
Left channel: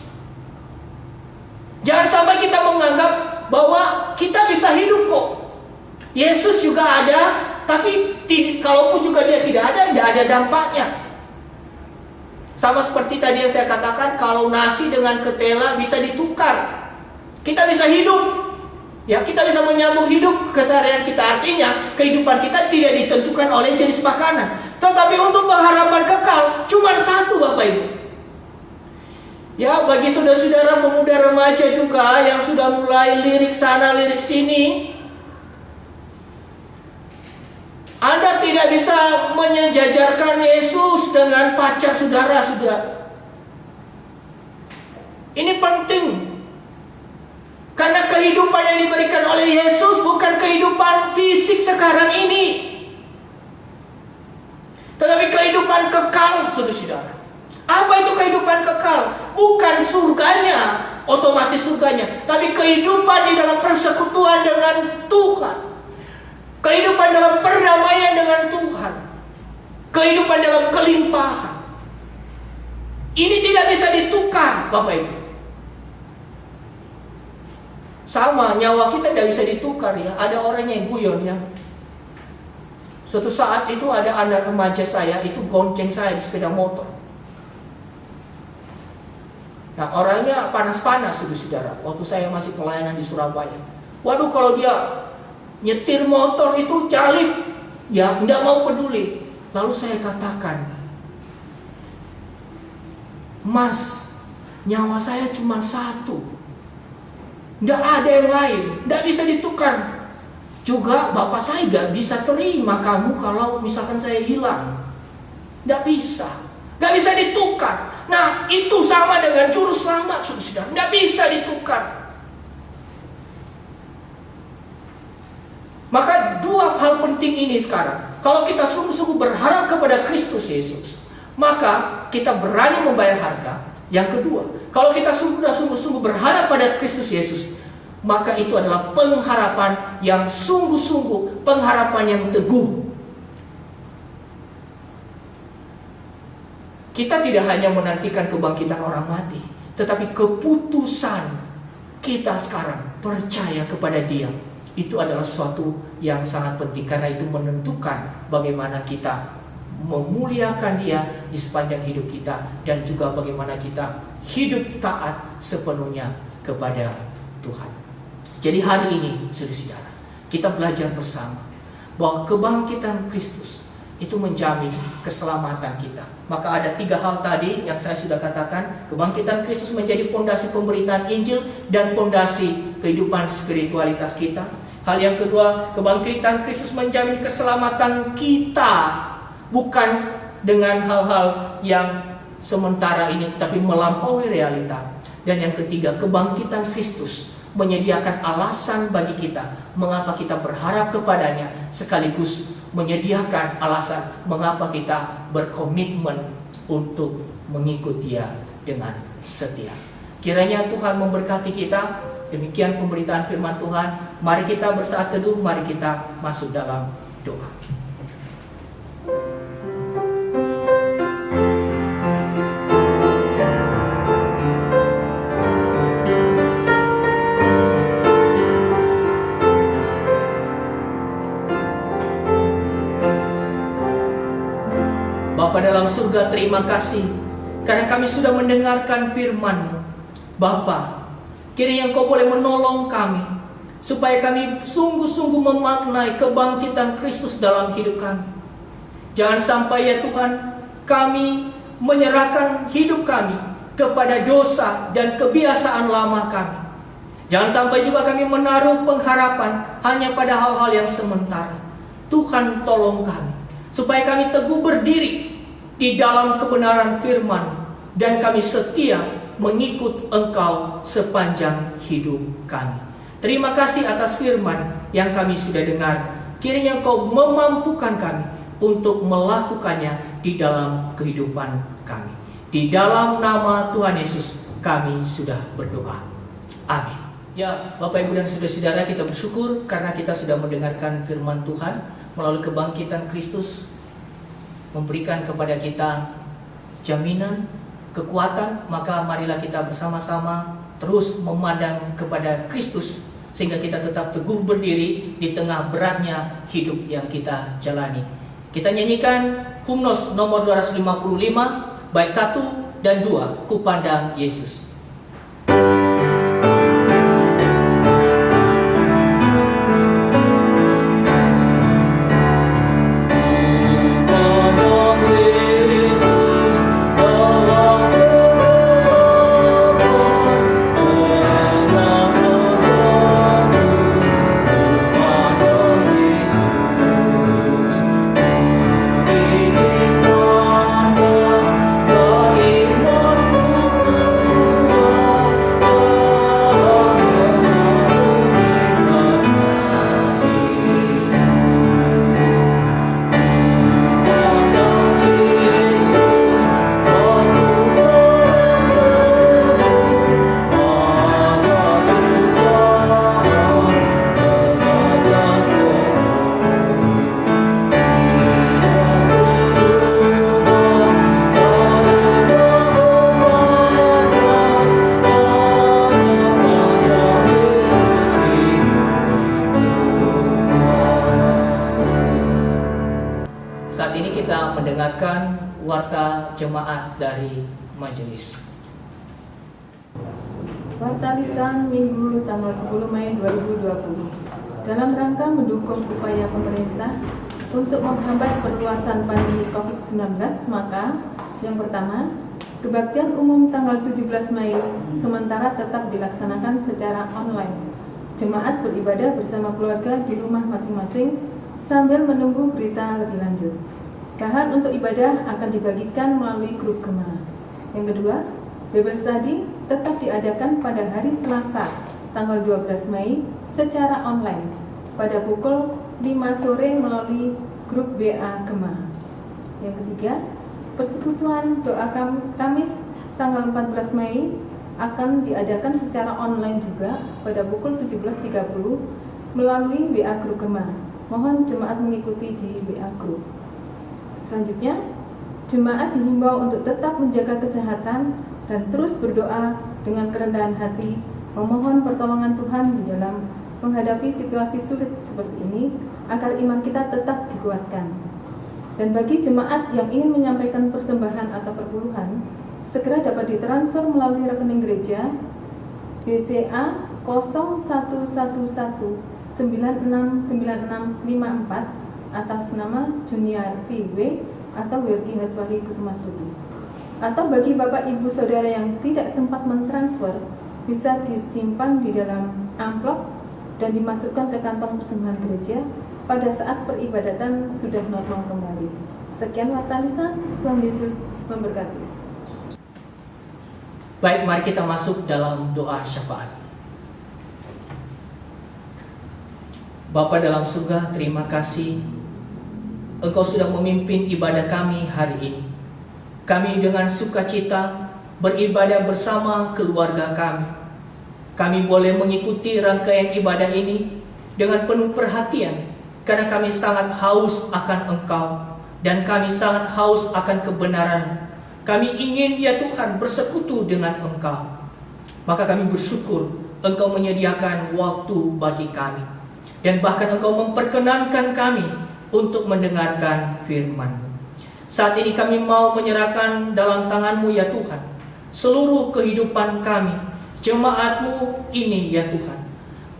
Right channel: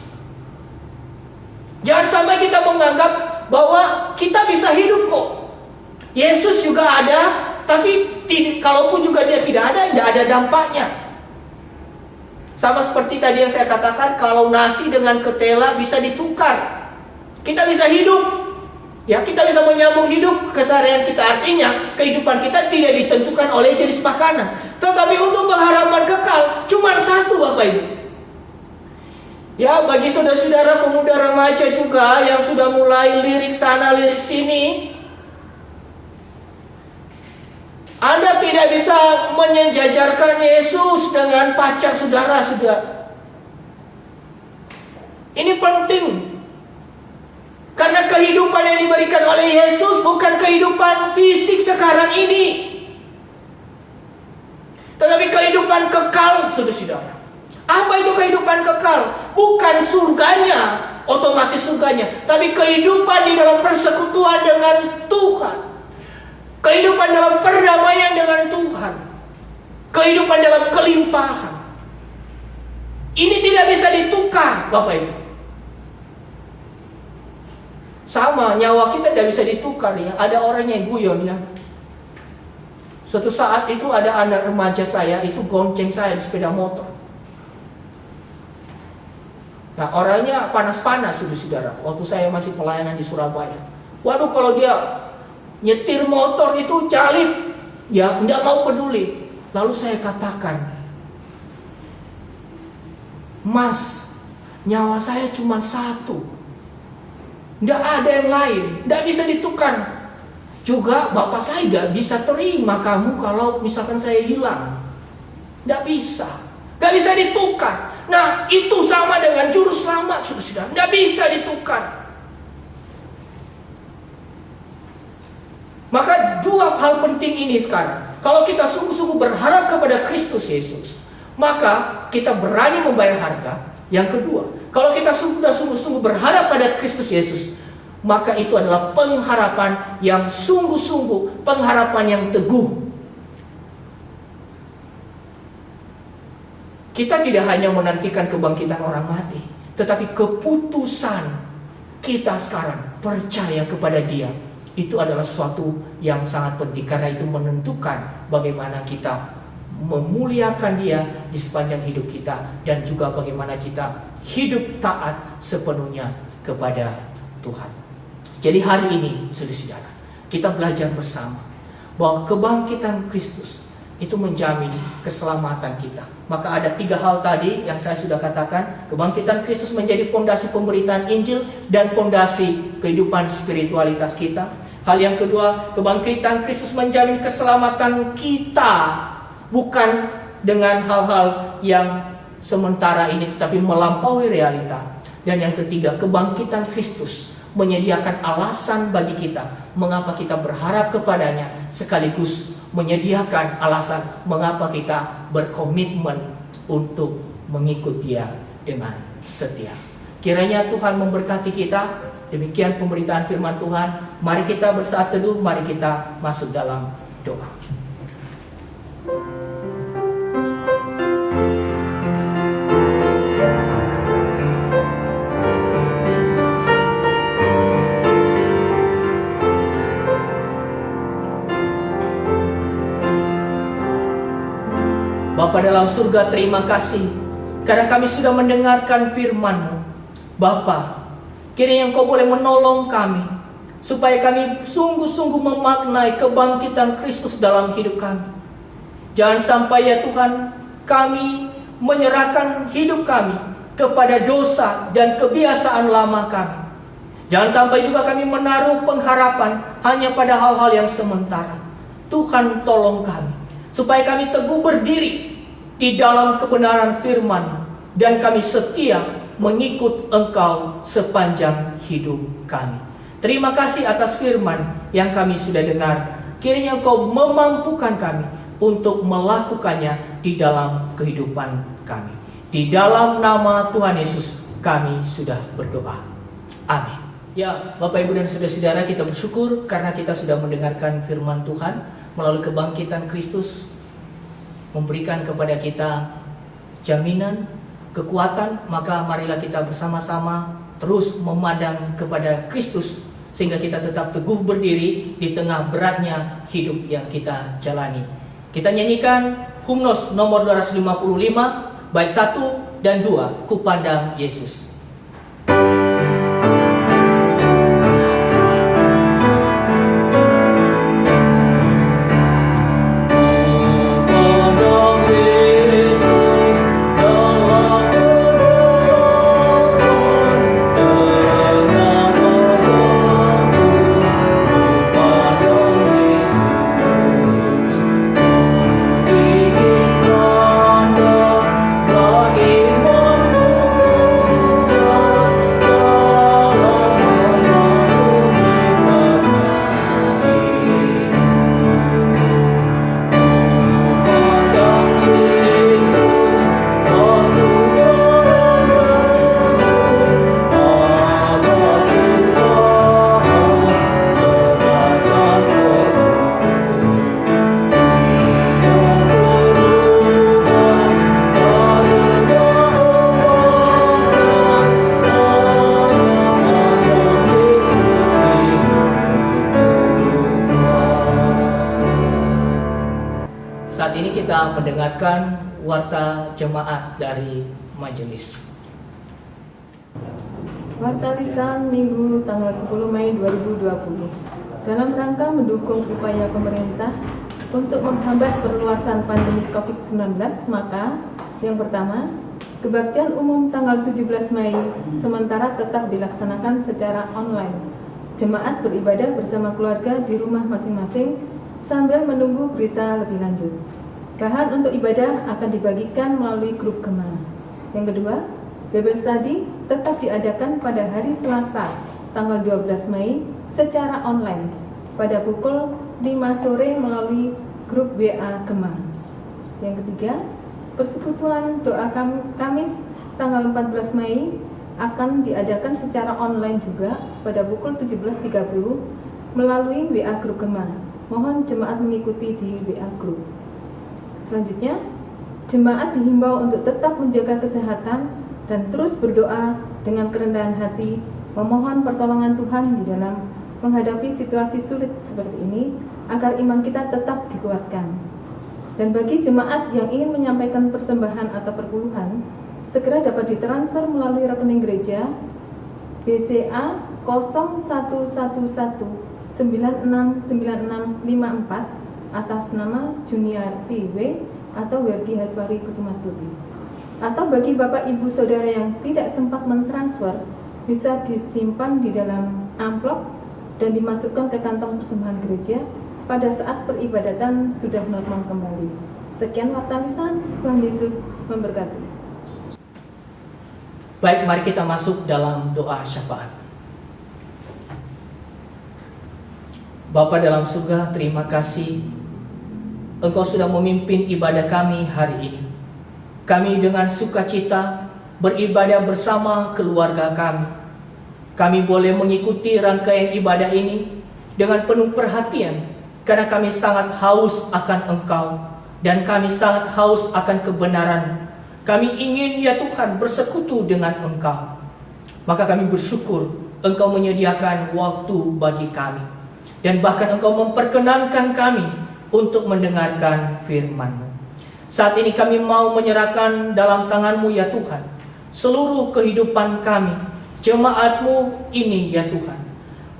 Jangan sampai kita menganggap bahwa kita bisa hidup kok, Yesus juga ada, tapi kalaupun juga Dia tidak ada dampaknya. Sama seperti tadi yang saya katakan, kalau nasi dengan ketela bisa ditukar, kita bisa hidup. Ya, kita bisa menyambung hidup keseharian kita. Artinya kehidupan kita tidak ditentukan oleh jenis makanan, tetapi untuk pengharapan kekal cuma satu Bapak Ibu. Ya, bagi saudara-saudara pemuda remaja juga yang sudah mulai lirik sana lirik sini, Anda tidak bisa menyejajarkan Yesus dengan pacar saudara. Ini penting. Karena kehidupan yang diberikan oleh Yesus bukan kehidupan fisik sekarang ini, tetapi kehidupan kekal, saudara-saudara. Apa itu kehidupan kekal? Bukan surganya, otomatis surganya, tapi kehidupan di dalam persekutuan dengan Tuhan. Kehidupan dalam perdamaian dengan Tuhan. Kehidupan dalam kelimpahan. Ini tidak bisa ditukar, Bapak Ibu. Sama, nyawa kita tidak bisa ditukar ya. Ada orang yang guyon ya. Suatu saat itu ada anak remaja saya itu gonceng saya di sepeda motor. Nah, orangnya panas-panas, saudara. Waktu saya masih pelayanan di Surabaya. Waduh, kalau dia nyetir motor itu jalip, ya tidak mau peduli. Lalu saya katakan, Mas, nyawa saya cuma satu, tidak ada yang lain, tidak bisa ditukar. Juga bapak saya gak bisa terima kamu kalau misalkan saya hilang. Tidak bisa, gak bisa ditukar. Nah, itu sama dengan juru selamat, saudara. Tidak bisa ditukar. Maka dua hal penting ini sekarang. Kalau kita sungguh-sungguh berharap kepada Kristus Yesus, maka kita berani membayar harga. Yang kedua, kalau kita sudah sungguh-sungguh berharap pada Kristus Yesus, maka itu adalah pengharapan yang sungguh-sungguh, pengharapan yang teguh. Kita tidak hanya menantikan kebangkitan orang mati, tetapi keputusan kita sekarang percaya kepada Dia, itu adalah sesuatu yang sangat penting. Karena itu menentukan bagaimana kita memuliakan Dia di sepanjang hidup kita, dan juga bagaimana kita hidup taat sepenuhnya kepada Tuhan. Jadi hari ini, saudara-saudara, kita belajar bersama bahwa kebangkitan Kristus itu menjamin keselamatan kita. Maka ada tiga hal tadi yang saya sudah katakan. Kebangkitan Kristus menjadi fondasi pemberitaan Injil dan fondasi kehidupan spiritualitas kita. Hal yang kedua, kebangkitan Kristus menjamin keselamatan kita, bukan dengan hal-hal yang sementara ini, tetapi melampaui realita. Dan yang ketiga, kebangkitan Kristus menyediakan alasan bagi kita mengapa kita berharap kepadanya, sekaligus menyediakan alasan mengapa kita berkomitmen untuk mengikut Dia dengan setia. Kiranya Tuhan memberkati kita. Demikian pemberitaan firman Tuhan. Mari kita bersaat teduh, mari kita masuk dalam doa. Bapa dalam surga, terima kasih karena kami sudah mendengarkan firman-Mu. Bapa, kiranya Engkau boleh menolong kami supaya kami sungguh-sungguh memaknai kebangkitan Kristus dalam hidup kami. Jangan sampai ya Tuhan, kami menyerahkan hidup kami kepada dosa dan kebiasaan lama kami. Jangan sampai juga kami menaruh pengharapan hanya pada hal-hal yang sementara. Tuhan, tolong kami supaya kami teguh berdiri di dalam kebenaran firman, dan kami setia mengikut Engkau sepanjang hidup kami. Terima kasih atas firman yang kami sudah dengar. Kiranya Engkau memampukan kami untuk melakukannya di dalam kehidupan kami. Di dalam nama Tuhan Yesus kami sudah berdoa. Amin. Ya, Bapak Ibu dan saudara-saudara, kita bersyukur karena kita sudah mendengarkan firman Tuhan melalui kebangkitan Kristus, memberikan kepada kita jaminan, kekuatan. Maka marilah kita bersama-sama terus memandang kepada Kristus, sehingga kita tetap teguh berdiri di tengah beratnya hidup yang kita jalani. Kita nyanyikan hymnos nomor 255, bait 1 dan 2, Ku Pandang Yesus. Ingin Saat ini kita mendengarkan warta jemaat dari majelis. Warta lisan Minggu tanggal 10 Mei 2020. Dalam rangka mendukung upaya pemerintah untuk menghambat perluasan pandemi COVID-19, maka yang pertama, kebaktian umum tanggal 17 Mei sementara tetap dilaksanakan secara online. Jemaat beribadah bersama keluarga di rumah masing-masing sambil menunggu berita lebih lanjut. Bahan untuk ibadah akan dibagikan melalui grup Gema. Yang kedua, Bible Study tetap diadakan pada hari Selasa, tanggal 12 Mei secara online pada pukul 5 sore melalui grup WA Gema. Yang ketiga, persekutuan doa Kamis tanggal 14 Mei akan diadakan secara online juga pada pukul 17.30 melalui WA grup Gema. Mohon jemaat mengikuti di WA grup. Selanjutnya, jemaat dihimbau untuk tetap menjaga kesehatan dan terus berdoa dengan kerendahan hati, memohon pertolongan Tuhan di dalam menghadapi situasi sulit seperti ini, agar iman kita tetap dikuatkan. Dan bagi jemaat yang ingin menyampaikan persembahan atau perpuluhan, segera dapat ditransfer melalui rekening gereja BCA 0111969654 atas nama Junior TW atau Werdi Haswari Kusumastuti. Atau bagi Bapak Ibu Saudara yang tidak sempat mentransfer, bisa disimpan di dalam amplop dan dimasukkan ke kantong persembahan gereja pada saat peribadatan sudah normal kembali. Sekian warta lisan, Tuhan Yesus memberkati. Baik, mari kita masuk dalam doa syafaat. Bapa dalam surga, terima kasih Engkau sudah memimpin ibadah kami hari ini. Kami dengan sukacita beribadah bersama keluarga kami. Kami boleh mengikuti rangkaian ibadah ini dengan penuh perhatian, karena kami sangat haus akan Engkau dan kami sangat haus akan kebenaran. Kami ingin ya Tuhan bersekutu dengan Engkau. Maka kami bersyukur Engkau menyediakan waktu bagi kami, dan bahkan Engkau memperkenankan kami untuk mendengarkan firman-Mu. Saat ini kami mau menyerahkan dalam tangan-Mu ya Tuhan seluruh kehidupan kami, jemaat-Mu ini ya Tuhan.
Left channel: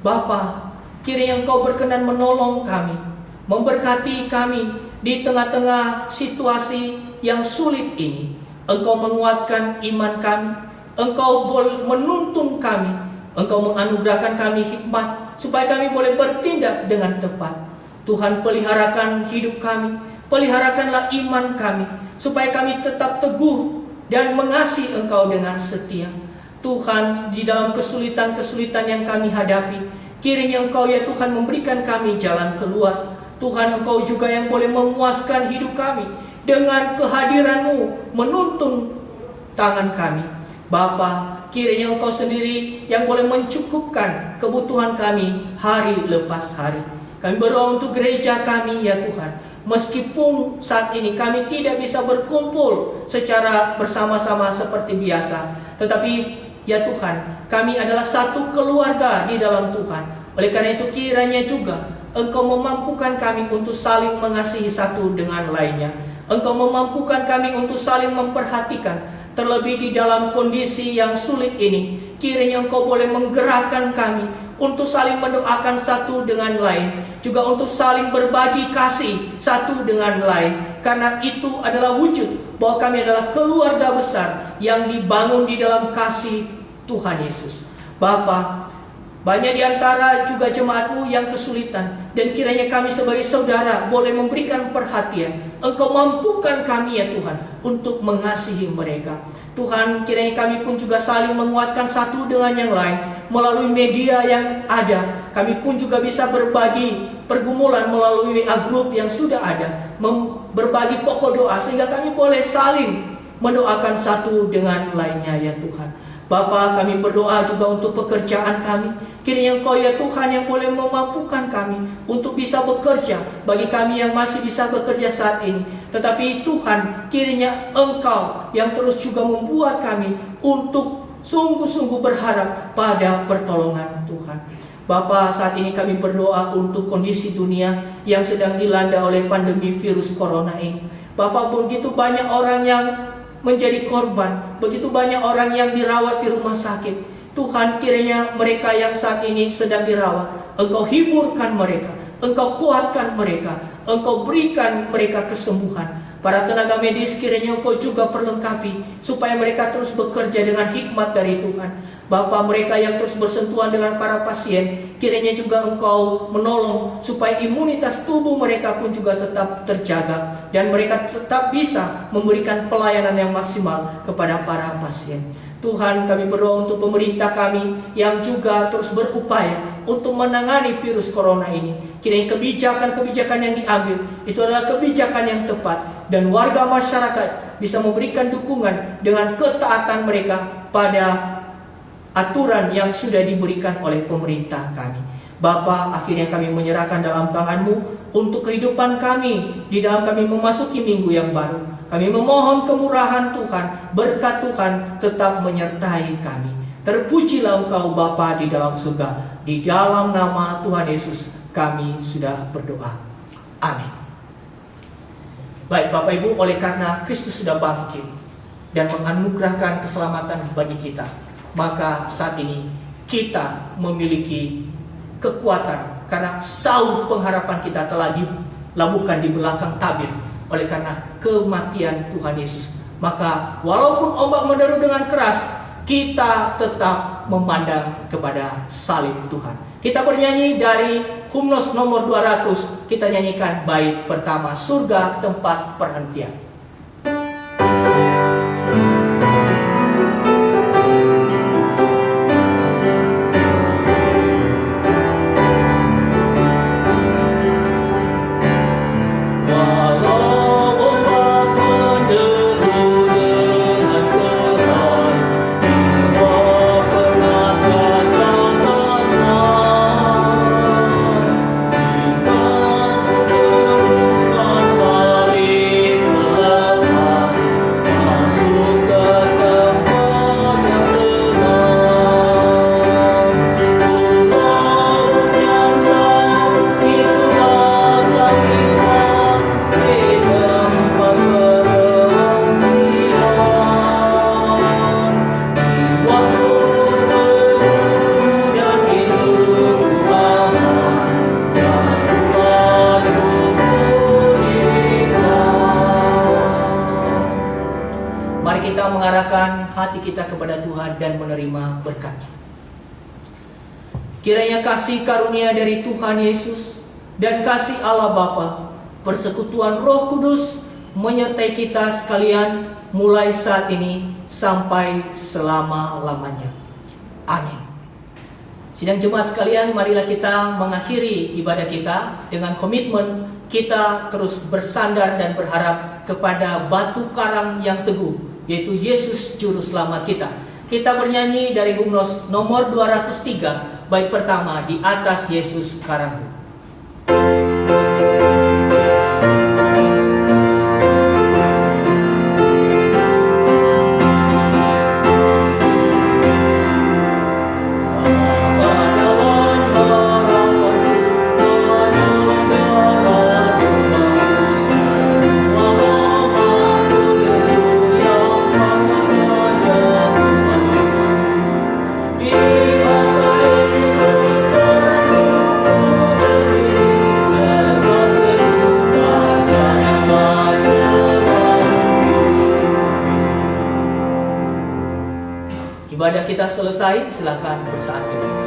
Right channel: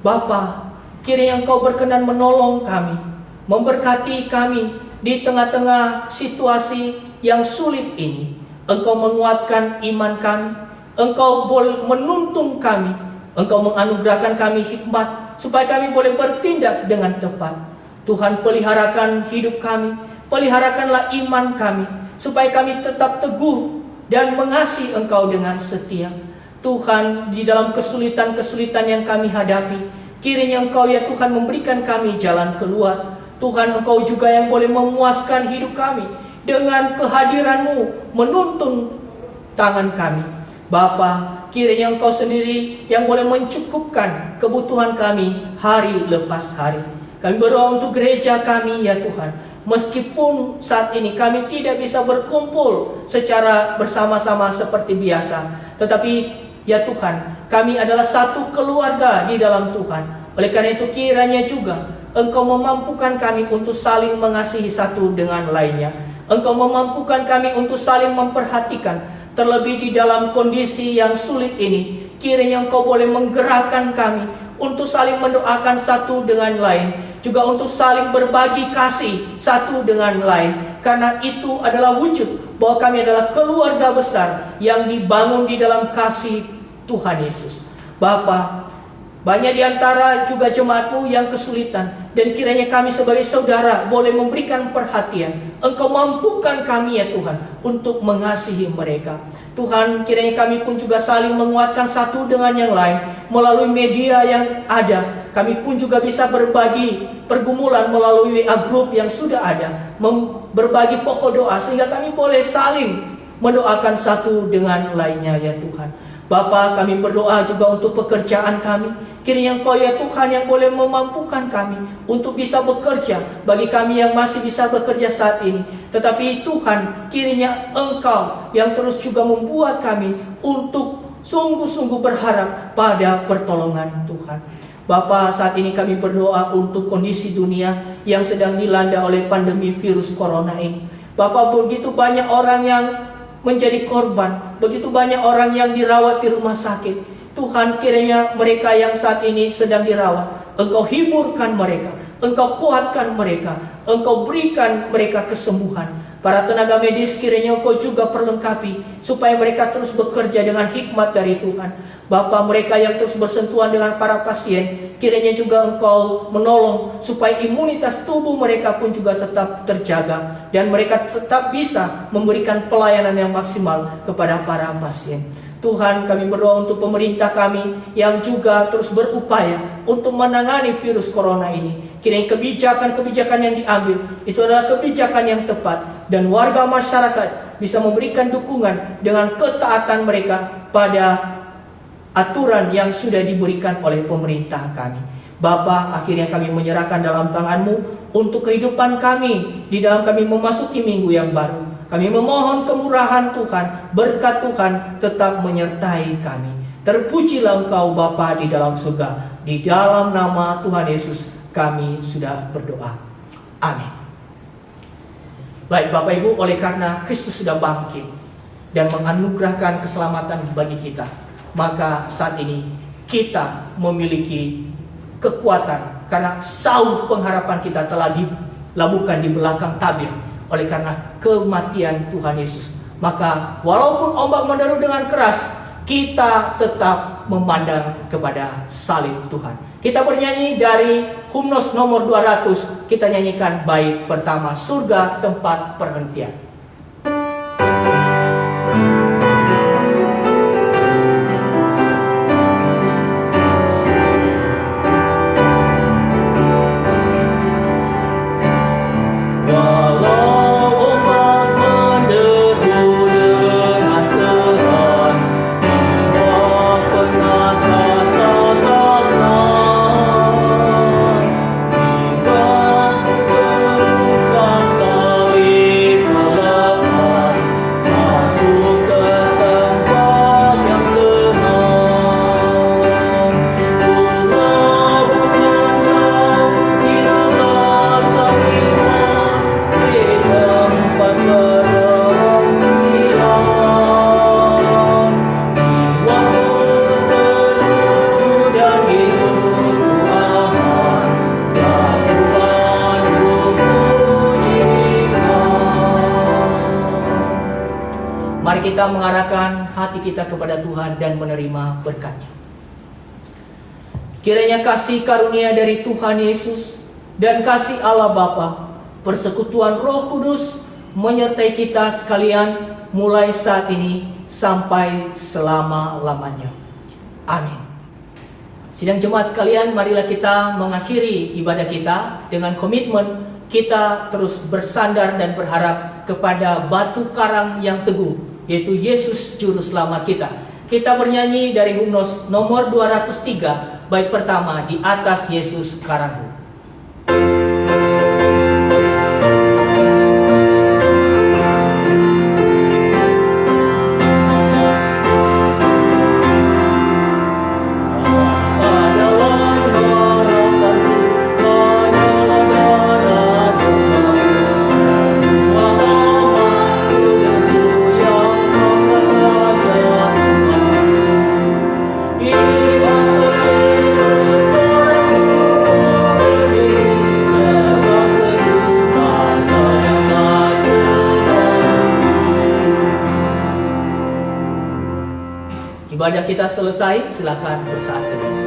Bapa, kiranya Engkau berkenan menolong kami, memberkati kami di tengah-tengah situasi yang sulit ini. Engkau menguatkan iman kami, Engkau menuntun kami, Engkau menganugerahkan kami hikmat supaya kami boleh bertindak dengan tepat. Tuhan, peliharakan hidup kami, peliharakanlah iman kami, supaya kami tetap teguh dan mengasihi Engkau dengan setia. Tuhan, di dalam kesulitan-kesulitan yang kami hadapi, kiranya Engkau ya Tuhan memberikan kami jalan keluar. Tuhan, Engkau juga yang boleh memuaskan hidup kami dengan kehadiran-Mu menuntun tangan kami. Bapa, kiranya Engkau sendiri yang boleh mencukupkan kebutuhan kami hari lepas hari. Kami berdoa untuk gereja kami ya Tuhan. Meskipun saat ini kami tidak bisa berkumpul secara bersama-sama seperti biasa, tetapi ya Tuhan, kami adalah satu keluarga di dalam Tuhan. Oleh karena itu kiranya juga Engkau memampukan kami untuk saling mengasihi satu dengan lainnya. Engkau memampukan kami untuk saling memperhatikan, terlebih di dalam kondisi yang sulit ini. Kiranya Engkau boleh menggerakkan kami untuk saling mendoakan satu dengan lain, juga untuk saling berbagi kasih satu dengan lain, karena itu adalah wujud bahwa kami adalah keluarga besar yang dibangun di dalam kasih Tuhan Yesus. Bapa, banyak di antara juga jemaat-Mu yang kesulitan, dan kiranya kami sebagai saudara boleh memberikan perhatian. Engkau mampukan kami ya Tuhan untuk mengasihi mereka. Tuhan, kiranya kami pun juga saling menguatkan satu dengan yang lain melalui media yang ada. Kami pun juga bisa berbagi pergumulan melalui WA group yang sudah ada, berbagi pokok doa, sehingga kami boleh saling mendoakan satu dengan lainnya ya Tuhan. Bapa, kami berdoa juga untuk pekerjaan kami. Kiranya Engkau ya Tuhan yang boleh memampukan kami untuk bisa bekerja, bagi kami yang masih bisa bekerja saat ini. Tetapi Tuhan, kiranya Engkau yang terus juga membuat kami untuk sungguh-sungguh berharap pada pertolongan Tuhan. Bapa, saat ini kami berdoa untuk kondisi dunia yang sedang dilanda oleh pandemi virus corona ini. Bapa, begitu banyak orang yang menjadi korban, begitu banyak orang yang dirawat di rumah sakit. Tuhan, kiranya mereka yang saat ini sedang dirawat, Engkau hiburkan mereka, Engkau kuatkan mereka, Engkau berikan mereka kesembuhan. Para tenaga medis kiranya Engkau juga perlengkapi, supaya mereka terus bekerja dengan hikmat dari Tuhan. Bapa, mereka yang terus bersentuhan dengan para pasien, kiranya juga Engkau menolong supaya imunitas tubuh mereka pun juga tetap terjaga, dan mereka tetap bisa memberikan pelayanan yang maksimal kepada para pasien. Tuhan, kami berdoa untuk pemerintah kami yang juga terus berupaya untuk menangani virus corona ini. Kiranya kebijakan-kebijakan yang diambil itu adalah kebijakan yang tepat, dan warga masyarakat bisa memberikan dukungan dengan ketaatan mereka pada aturan yang sudah diberikan oleh pemerintah kami. Bapa, akhirnya kami menyerahkan dalam tangan-Mu untuk kehidupan kami di dalam kami memasuki minggu yang baru. Kami memohon kemurahan Tuhan, berkat Tuhan tetap menyertai kami. Terpujilah Engkau Bapa di dalam surga. Di dalam nama Tuhan Yesus kami sudah berdoa. Amin. Baik Bapak Ibu, oleh karena Kristus sudah bangkit dan menganugerahkan keselamatan bagi kita, maka saat ini kita memiliki kekuatan karena sauh pengharapan kita telah dilabuhkan di belakang tabir oleh karena kematian Tuhan Yesus. Maka walaupun ombak menderu dengan keras, kita tetap memandang kepada salib Tuhan. Kita bernyanyi dari Hymnos nomor 200, kita nyanyikan bait pertama, Surga Tempat Perhentian. Kita mengarahkan hati kita kepada Tuhan dan menerima berkat-Nya. Kiranya kasih karunia dari Tuhan Yesus dan kasih Allah Bapa, persekutuan Roh Kudus menyertai kita sekalian mulai saat ini sampai selama-lamanya. Amin. Sidang jemaat sekalian, marilah kita mengakhiri ibadah kita dengan komitmen kita terus bersandar dan berharap kepada batu karang yang teguh, yaitu Yesus Juru Selamat kita. Kita bernyanyi dari Hymnos nomor 203, bait pertama, Di Atas Yesus Karangku. Ibadah kita selesai, silakan bersaat teduh.